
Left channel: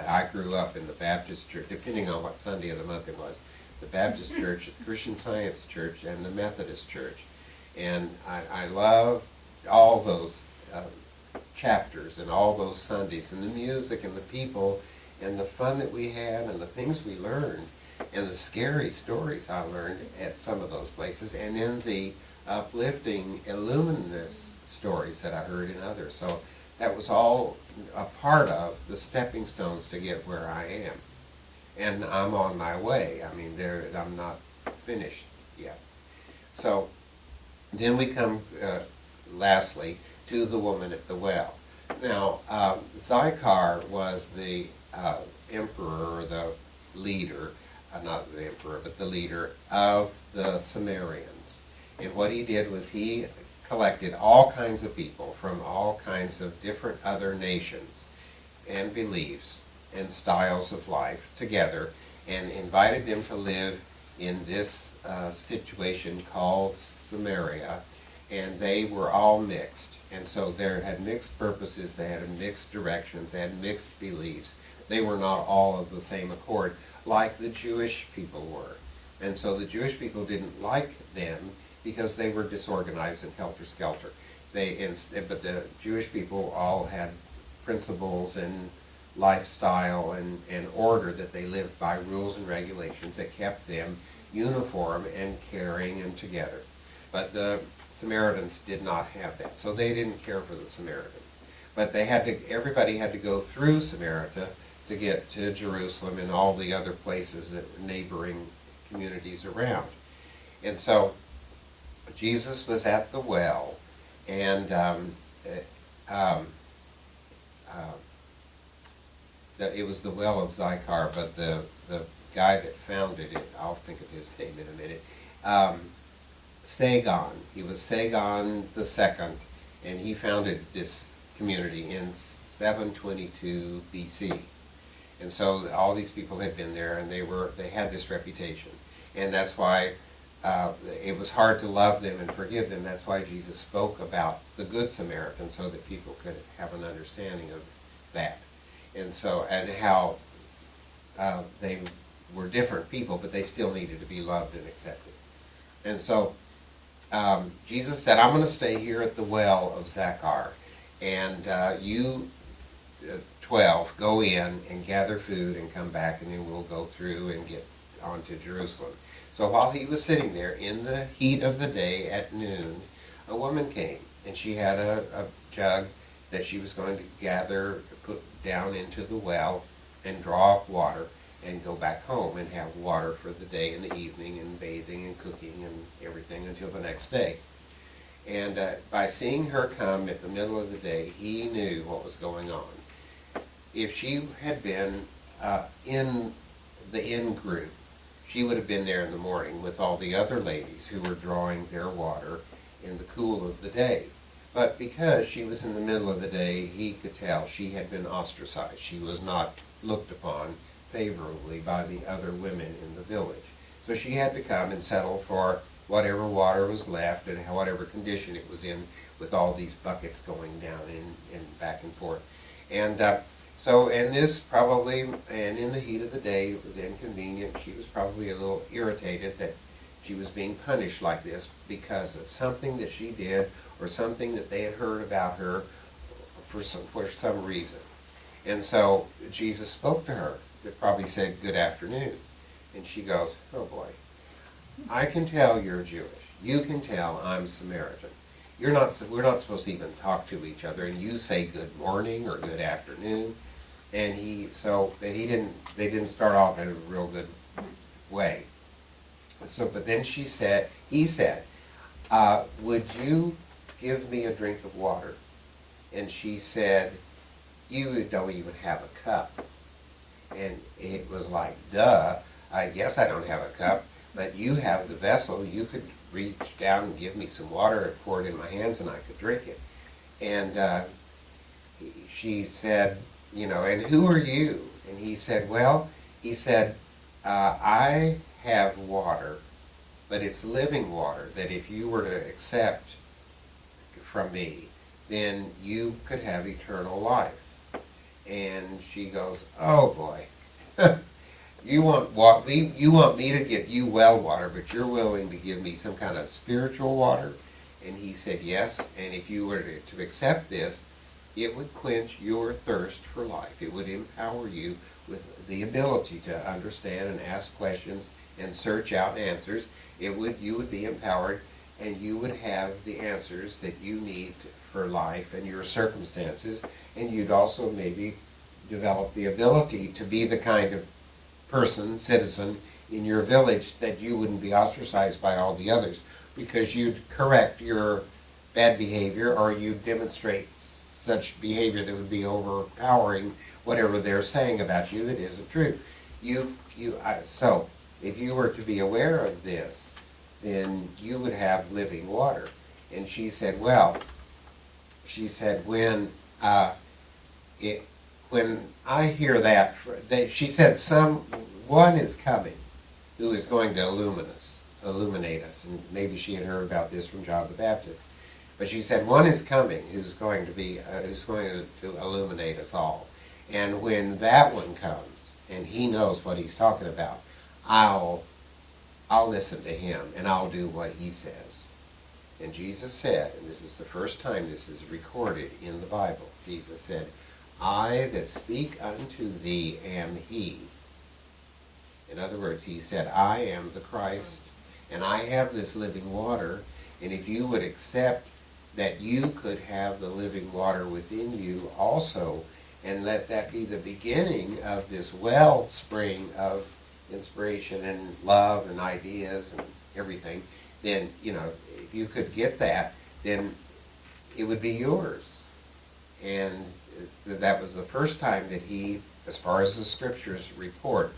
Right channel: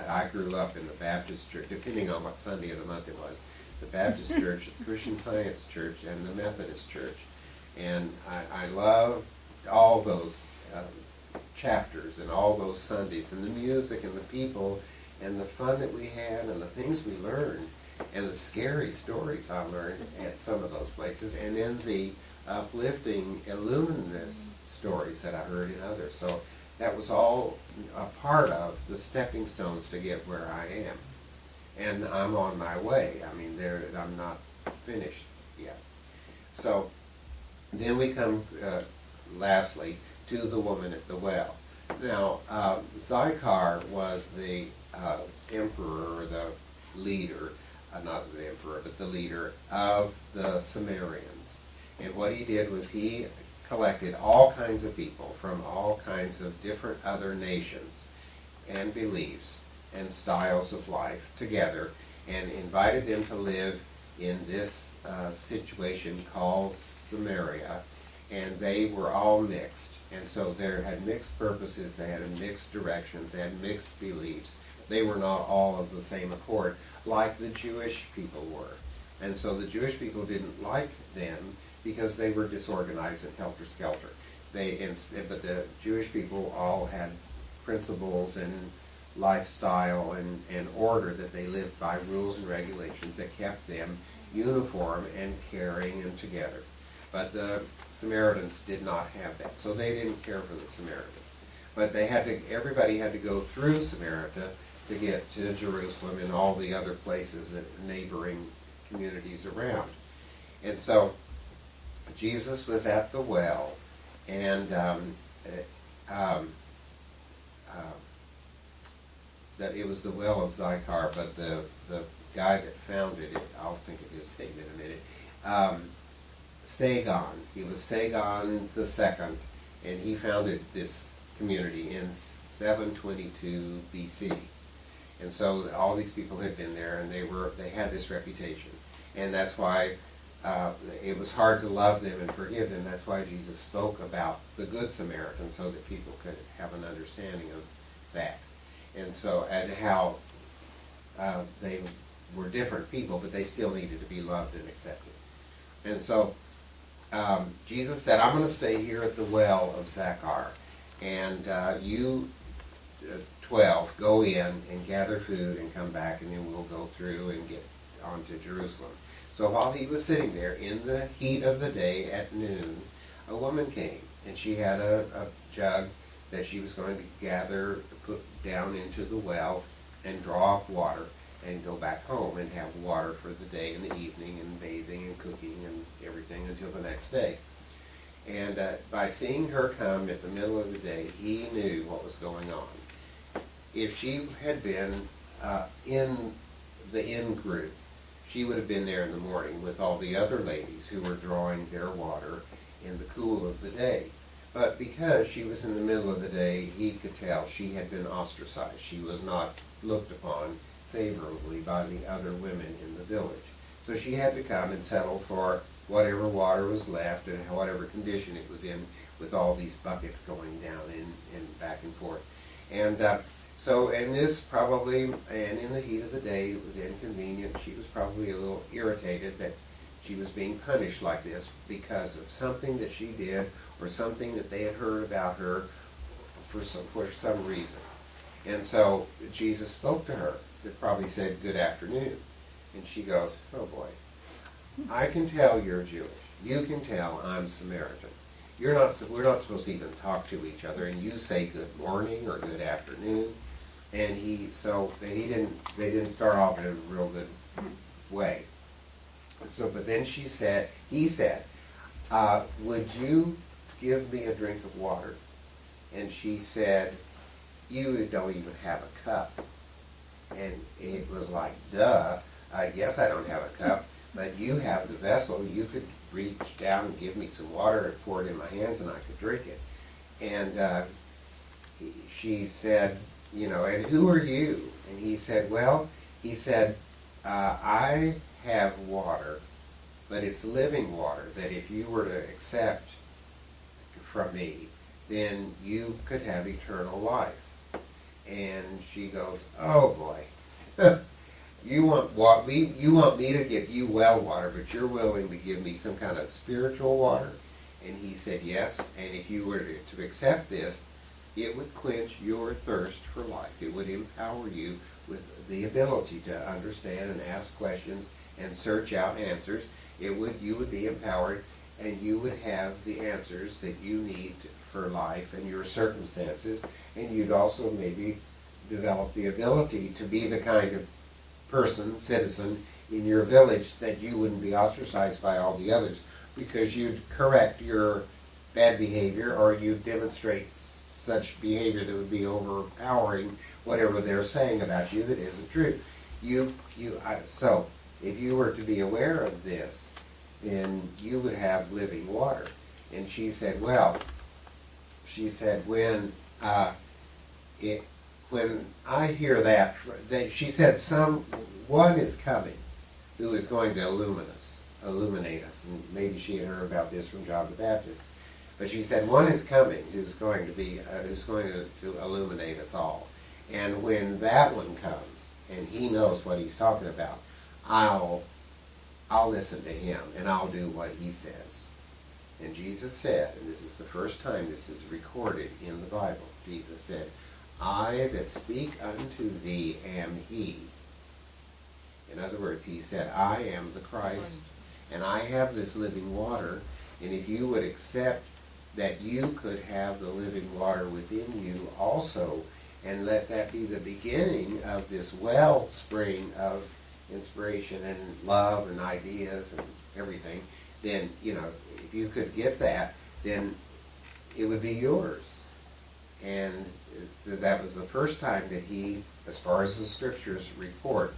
I grew up in the Baptist church, depending on what Sunday of the month it was, the Baptist church, the Christian Science church, and the Methodist church. And I love all those chapters and all those Sundays, and the music and the people and the fun that we had and the things we learned and the scary stories I learned at some of those places, and then the uplifting, illuminous stories that I heard in others. So that was all a part of the stepping stones to get where I am. And I'm on my way. I mean, I'm not finished yet. So then we come, lastly, to the woman at the well. Now, Zychar was the emperor, or the leader, not the emperor, but the leader of the Sumerians. And what he did was he collected all kinds of people from all kinds of different other nations and beliefs and styles of life together and invited them to live in this situation called Samaria, and they were all mixed. And so they had mixed purposes, they had mixed directions, they had mixed beliefs. They were not all of the same accord like the Jewish people were. And so the Jewish people didn't like them because they were disorganized and helter-skelter. But the Jewish people all had principles and lifestyle and order that they lived by, rules and regulations that kept them uniform and caring and together. But the Samaritans did not have that, so they didn't care for the Samaritans. But everybody had to go through Samaria to get to Jerusalem and all the other places that were neighboring communities around. And so Jesus was at the well, and it was the well of Zychar, but the guy that founded it, I'll think of his name in a minute, Sagon. He was Sagon the Second, and he founded this community in 722 BC. And so all these people had been there, and they had this reputation, and that's why it was hard to love them and forgive them. That's why Jesus spoke about the Good Samaritan, so that people could have an understanding of that. And so, and how they were different people, but they still needed to be loved and accepted. And so Jesus said, I'm going to stay here at the well of Zychar, and you 12 go in and gather food and come back, and then we'll go through and get on to Jerusalem. So while he was sitting there in the heat of the day at noon, a woman came, and she had a jug that she was going to gather, put down into the well, and draw up water, and go back home and have water for the day and the evening, and bathing and cooking and everything until the next day. And by seeing her come at the middle of the day, he knew what was going on. If she had been in the in-group, she would have been there in the morning with all the other ladies who were drawing their water in the cool of the day. But because she was in the middle of the day, he could tell she had been ostracized. She was not looked upon favorably by the other women in the village. So she had to come and settle for whatever water was left and whatever condition it was in, with all these buckets going down and back and forth. And and this probably, and in the heat of the day, it was inconvenient. She was probably a little irritated that she was being punished like this because of something that she did or something that they had heard about her for some reason. And so Jesus spoke to her. That probably said, good afternoon. And she goes, oh boy, I can tell you're Jewish. You can tell I'm Samaritan. We're not supposed to even talk to each other, and you say good morning or good afternoon. And they didn't start off in a real good way. So, but then he said, would you give me a drink of water? And she said, you don't even have a cup. And it was like, duh, I guess I don't have a cup, but you have the vessel. You could reach down and give me some water and pour it in my hands, and I could drink it. And she said, and who are you? And he said, I have water, but it's living water that if you were to accept from me, then you could have eternal life. And she goes, oh boy, you want me to give you well water, but you're willing to give me some kind of spiritual water? And he said, yes, and if you were to accept this, it would quench your thirst for life. It would empower you with the ability to understand and ask questions and search out answers. You would be empowered, and you would have the answers that you need for life and your circumstances, and you'd also maybe develop the ability to be the kind of person, citizen in your village that you wouldn't be ostracized by all the others, because you'd correct your bad behavior, or you'd demonstrate such behavior that would be overpowering whatever they're saying about you that isn't true. So if you were to be aware of this, then you would have living water. And she said, well, when I hear that, she said, one is coming who is going to illuminate us. And maybe she had heard about this from John the Baptist. But she said, one is coming who's going to illuminate us all. And when that one comes, and he knows what he's talking about, I'll listen to him, and I'll do what he says. And Jesus said, and this is the first time this is recorded in the Bible, Jesus said, I that speak unto thee am he. In other words, he said, I am the Christ, and I have this living water, and if you would accept that you could have the living water within you also, and let that be the beginning of this wellspring of inspiration and love and ideas and everything, then, if you could get that, then it would be yours. And that was the first time that he, as far as the scriptures report,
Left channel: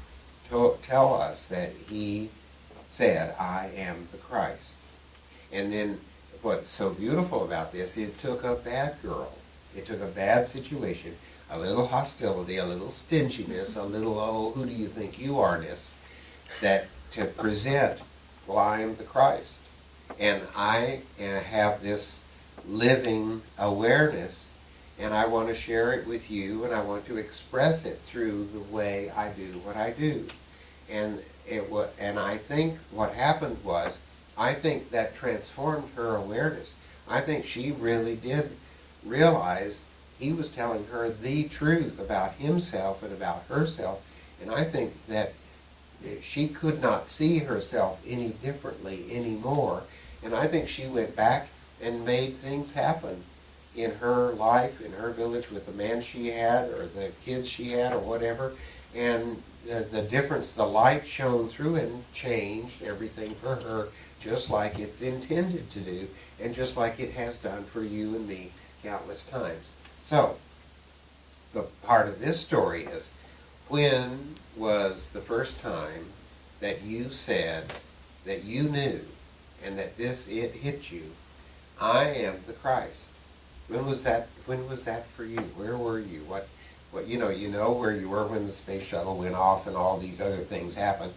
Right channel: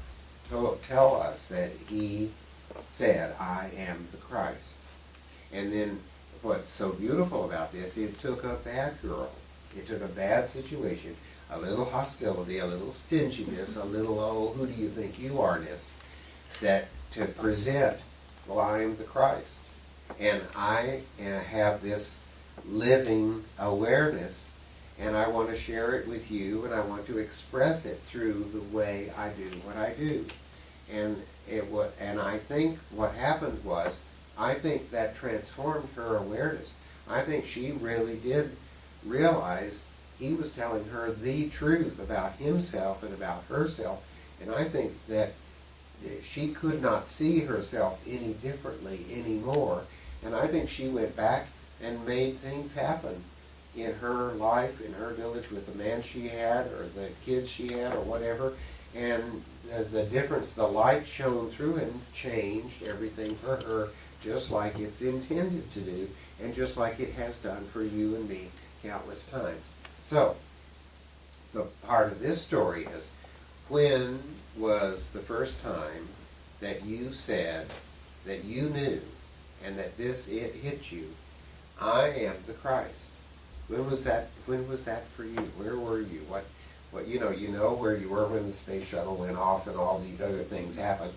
tell us that he said, I am the Christ. And then what's so beautiful about this, it took a bad girl, it took a bad situation, a little hostility, a little stinginess, a little, oh, who do you think you are-ness, that to present, well, I am the Christ. And I have this living awareness, and I want to share it with you, and I want to express it through the way I do what I do. And I think what happened was, I think that transformed her awareness. I think she really did realize he was telling her the truth about himself and about herself, and I think that she could not see herself any differently anymore, and I think she went back and made things happen in her life, in her village, with the man she had, or the kids she had, or whatever, and the difference, the light shone through and changed everything for her, just like it's intended to do, and just like it has done for you and me countless times. So, the part of this story is, when was the first time that you said that you knew, and that it hit you, I am the Christ? When was that for you? Where were you? What you know where you were when the space shuttle went off and all these other things happened.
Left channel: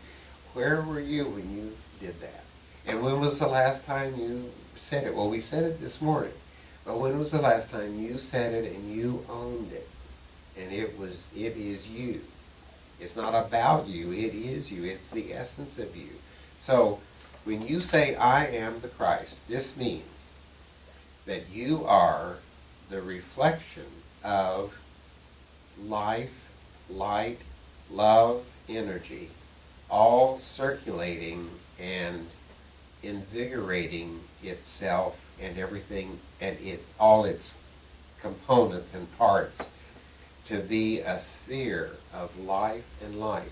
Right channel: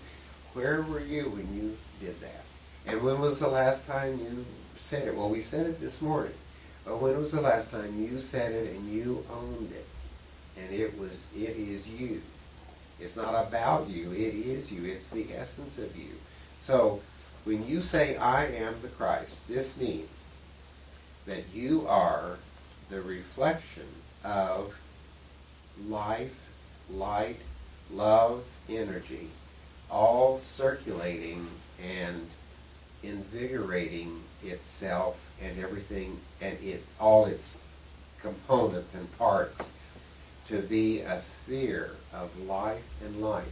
Where were you when you did that? And when was the last time you said it? Well, we said it this morning. But when was the last time you said it and you owned it? And it is you. It's not about you, it is you. It's the essence of you. So, when you say, I am the Christ, this means that you are the reflection of life, light, love, energy, all circulating and invigorating itself and everything, and all its components and parts, to be a sphere of life and light.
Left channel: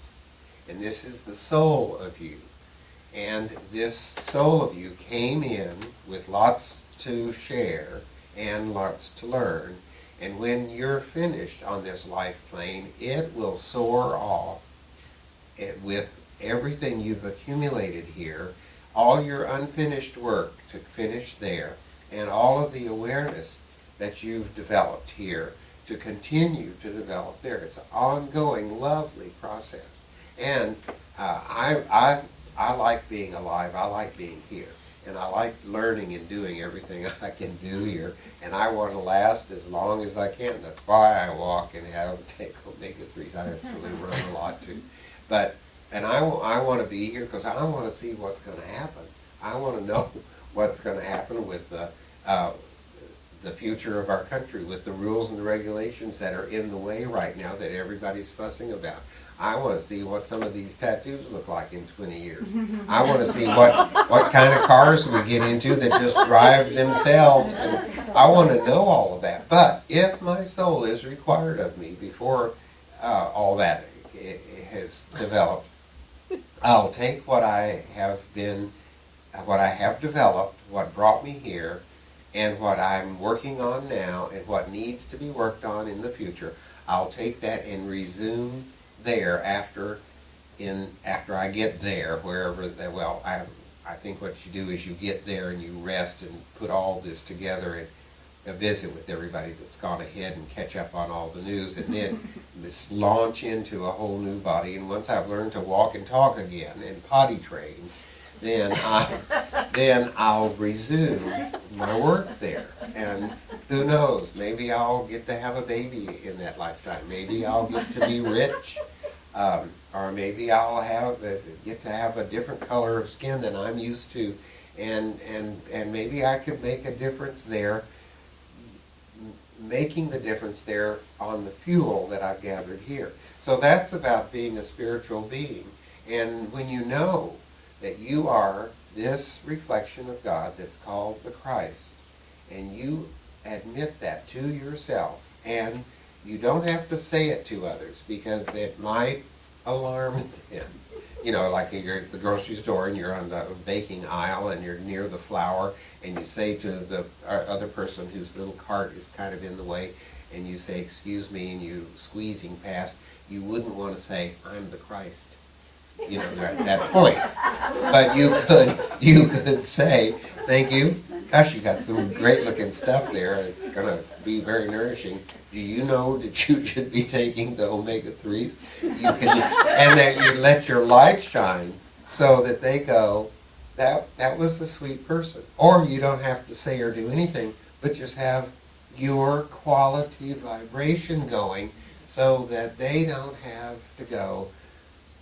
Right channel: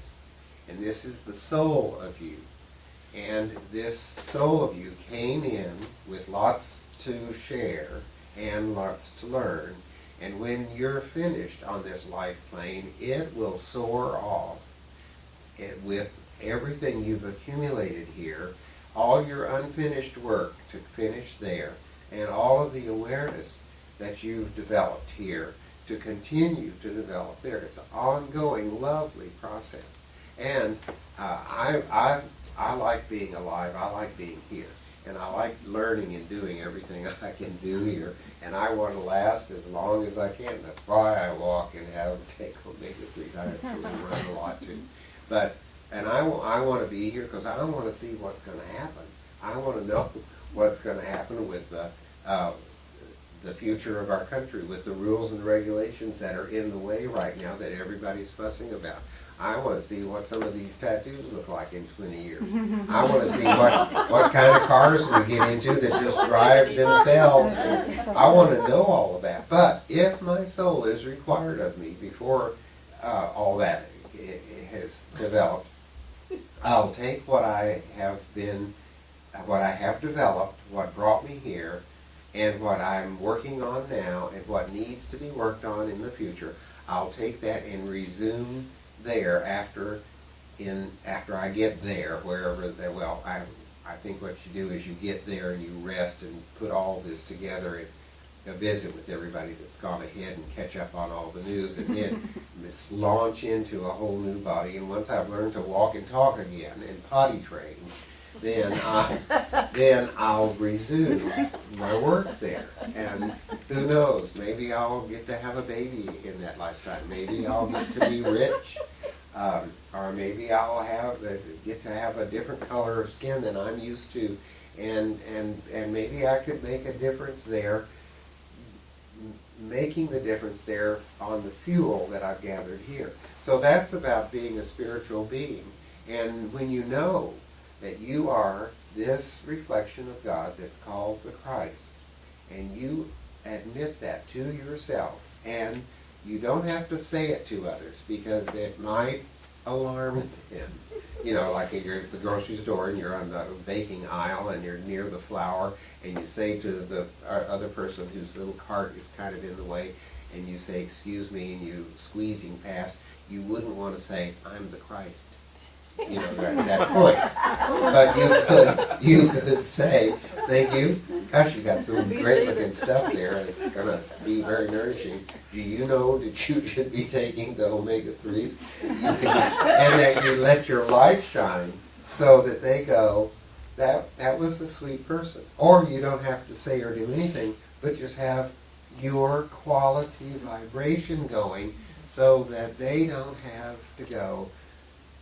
And this is the soul of you. And this soul of you came in with lots to share and lots to learn. And when you're finished on this life plane, it will soar off with everything you've accumulated here, all your unfinished work to finish there, and all of the awareness that you've developed here to continue to develop there. It's an ongoing, lovely process. And I like being alive. I like being here. and I like learning and doing everything I can do here, and I want to last as long as I can. That's why I walk and take omega-3s. I actually run a lot too. And I want to be here because I want to see what's going to happen. I want to know what's going to happen with the future of our country, with the rules and the regulations that are in the way right now that everybody's fussing about. I want to see what some of these tattoos look like in 20 years. I want to see what kind of cars we get into that just drive themselves. And I want to know all of that. But if my soul is required of me before all that has developed, I'll take what I have developed, what brought me here, and what I'm working on now, and what needs to be worked on in the future. I'll take that and resume there after I get there, wherever that. Well, I think what you do is you get there and you rest and put all this together and visit with everybody that's gone ahead and catch up on all the news, and then just launch into a whole new body. And once I've learned to walk and talk again and potty train, then I'll resume my work there. And who knows, maybe I'll get to have a baby in that lifetime. Maybe I'll get to be rich. Or maybe I'll get to have a different color of skin than I'm used to. And maybe I could make a difference there, making the difference there on the fuel that I've gathered here. So that's about being a spiritual being. And when you know that you are this reflection of God that's called the Christ, and you admit that to yourself, and you don't have to say it to others because it might alarm them. You know, like you're at the grocery store and you're on the baking aisle and you're near the flour, and you say to the other person whose little cart is kind of in the way, and you say, "Excuse me," and you squeezing past, you wouldn't want to say, "I'm the Christ." You know, at that point. But you could say, "Thank you. Gosh, you got some great looking stuff there. It's going to be very nourishing. Do you know that you should be taking the omega-3s?" And that you let your light shine so that they go, that was the sweet person. Or you don't have to say or do anything, but just have your quality vibration going so that they don't have to go,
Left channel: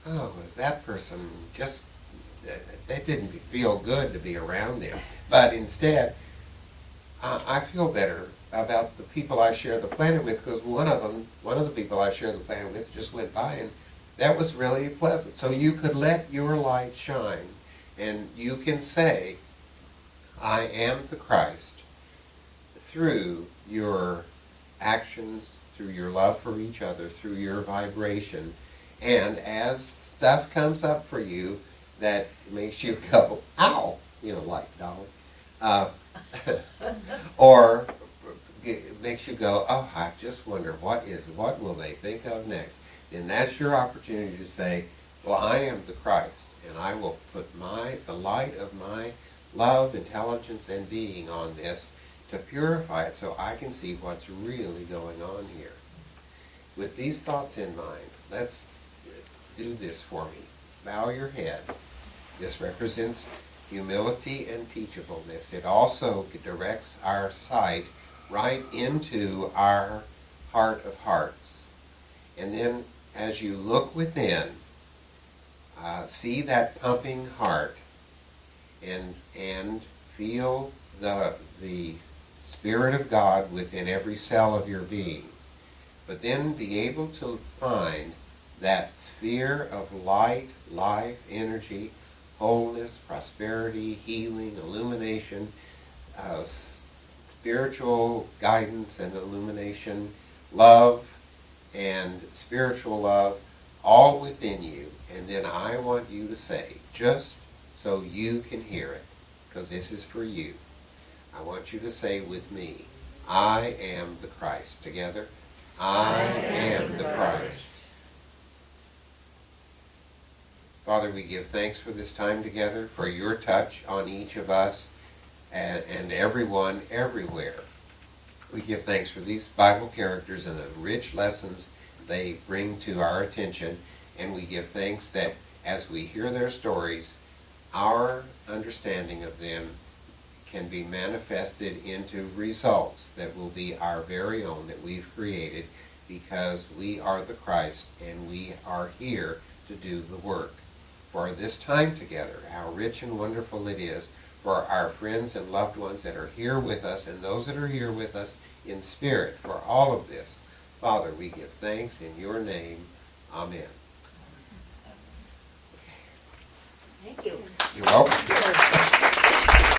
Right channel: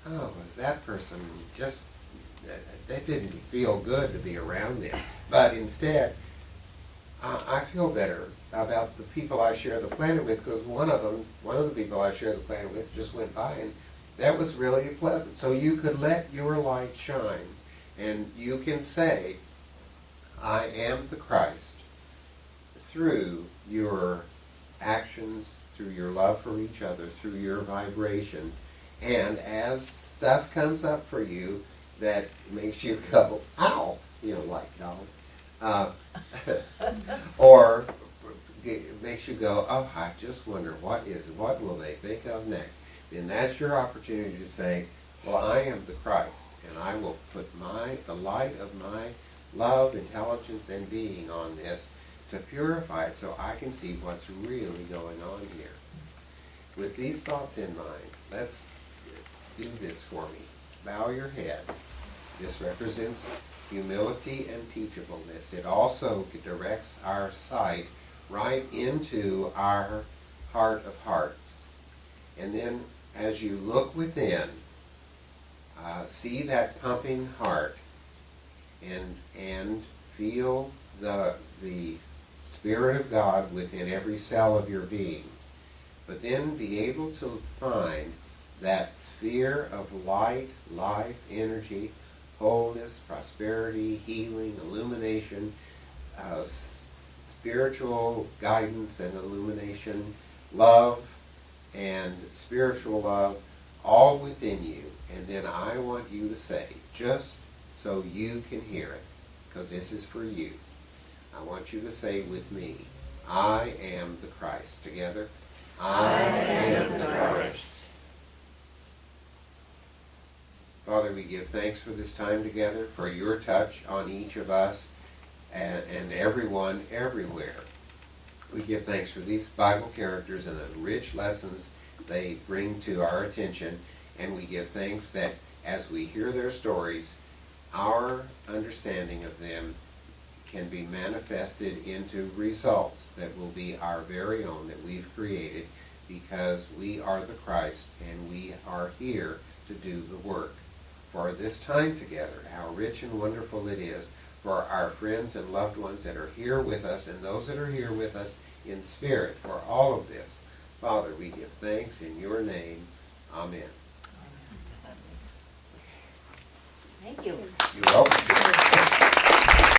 "Oh, was that person just, that didn't feel good to be around them." But instead, I feel better about the people I share the planet with, because one of the people I share the planet with just went by, and that was really pleasant. So you could let your light shine, and you can say, "I am the Christ," through your actions, through your love for each other, through your vibration. And as stuff comes up for you that makes you go, "Ow," you know, like Dolly, or it makes you go, "Oh, I just wonder what will they think of next?" Then that's your opportunity to say, "Well, I am the Christ, and I will put the light of my love, intelligence, and being on this to purify it so I can see what's really going on here." With these thoughts in mind, let's do this for me. Bow your head. This represents humility and teachableness. It also directs our sight right into our heart of hearts. And then as you look within, see that pumping heart and feel the Spirit of God within every cell of your being. But then be able to find that sphere of light, life, energy, wholeness, prosperity, healing, illumination, spiritual guidance and illumination, love and spiritual love, all within you. And then I want you to say, just so you can hear it, because this is for you, I want you to say with me, "I am the Christ." Together, I am the Christ. Father, we give thanks for this time together, for your touch on each of us and everyone everywhere. We give thanks for these Bible characters and the rich lessons they bring to our attention, and we give thanks that as we hear their stories, our understanding of them can be manifested into results that will be our very own, that we've created, because we are the Christ and we are here to do the work. For this time together, how rich and wonderful it is for our friends and loved ones that are here with us and those that are here with us in spirit for all of this. Father, we give thanks in your name. Amen. Thank you. You're welcome.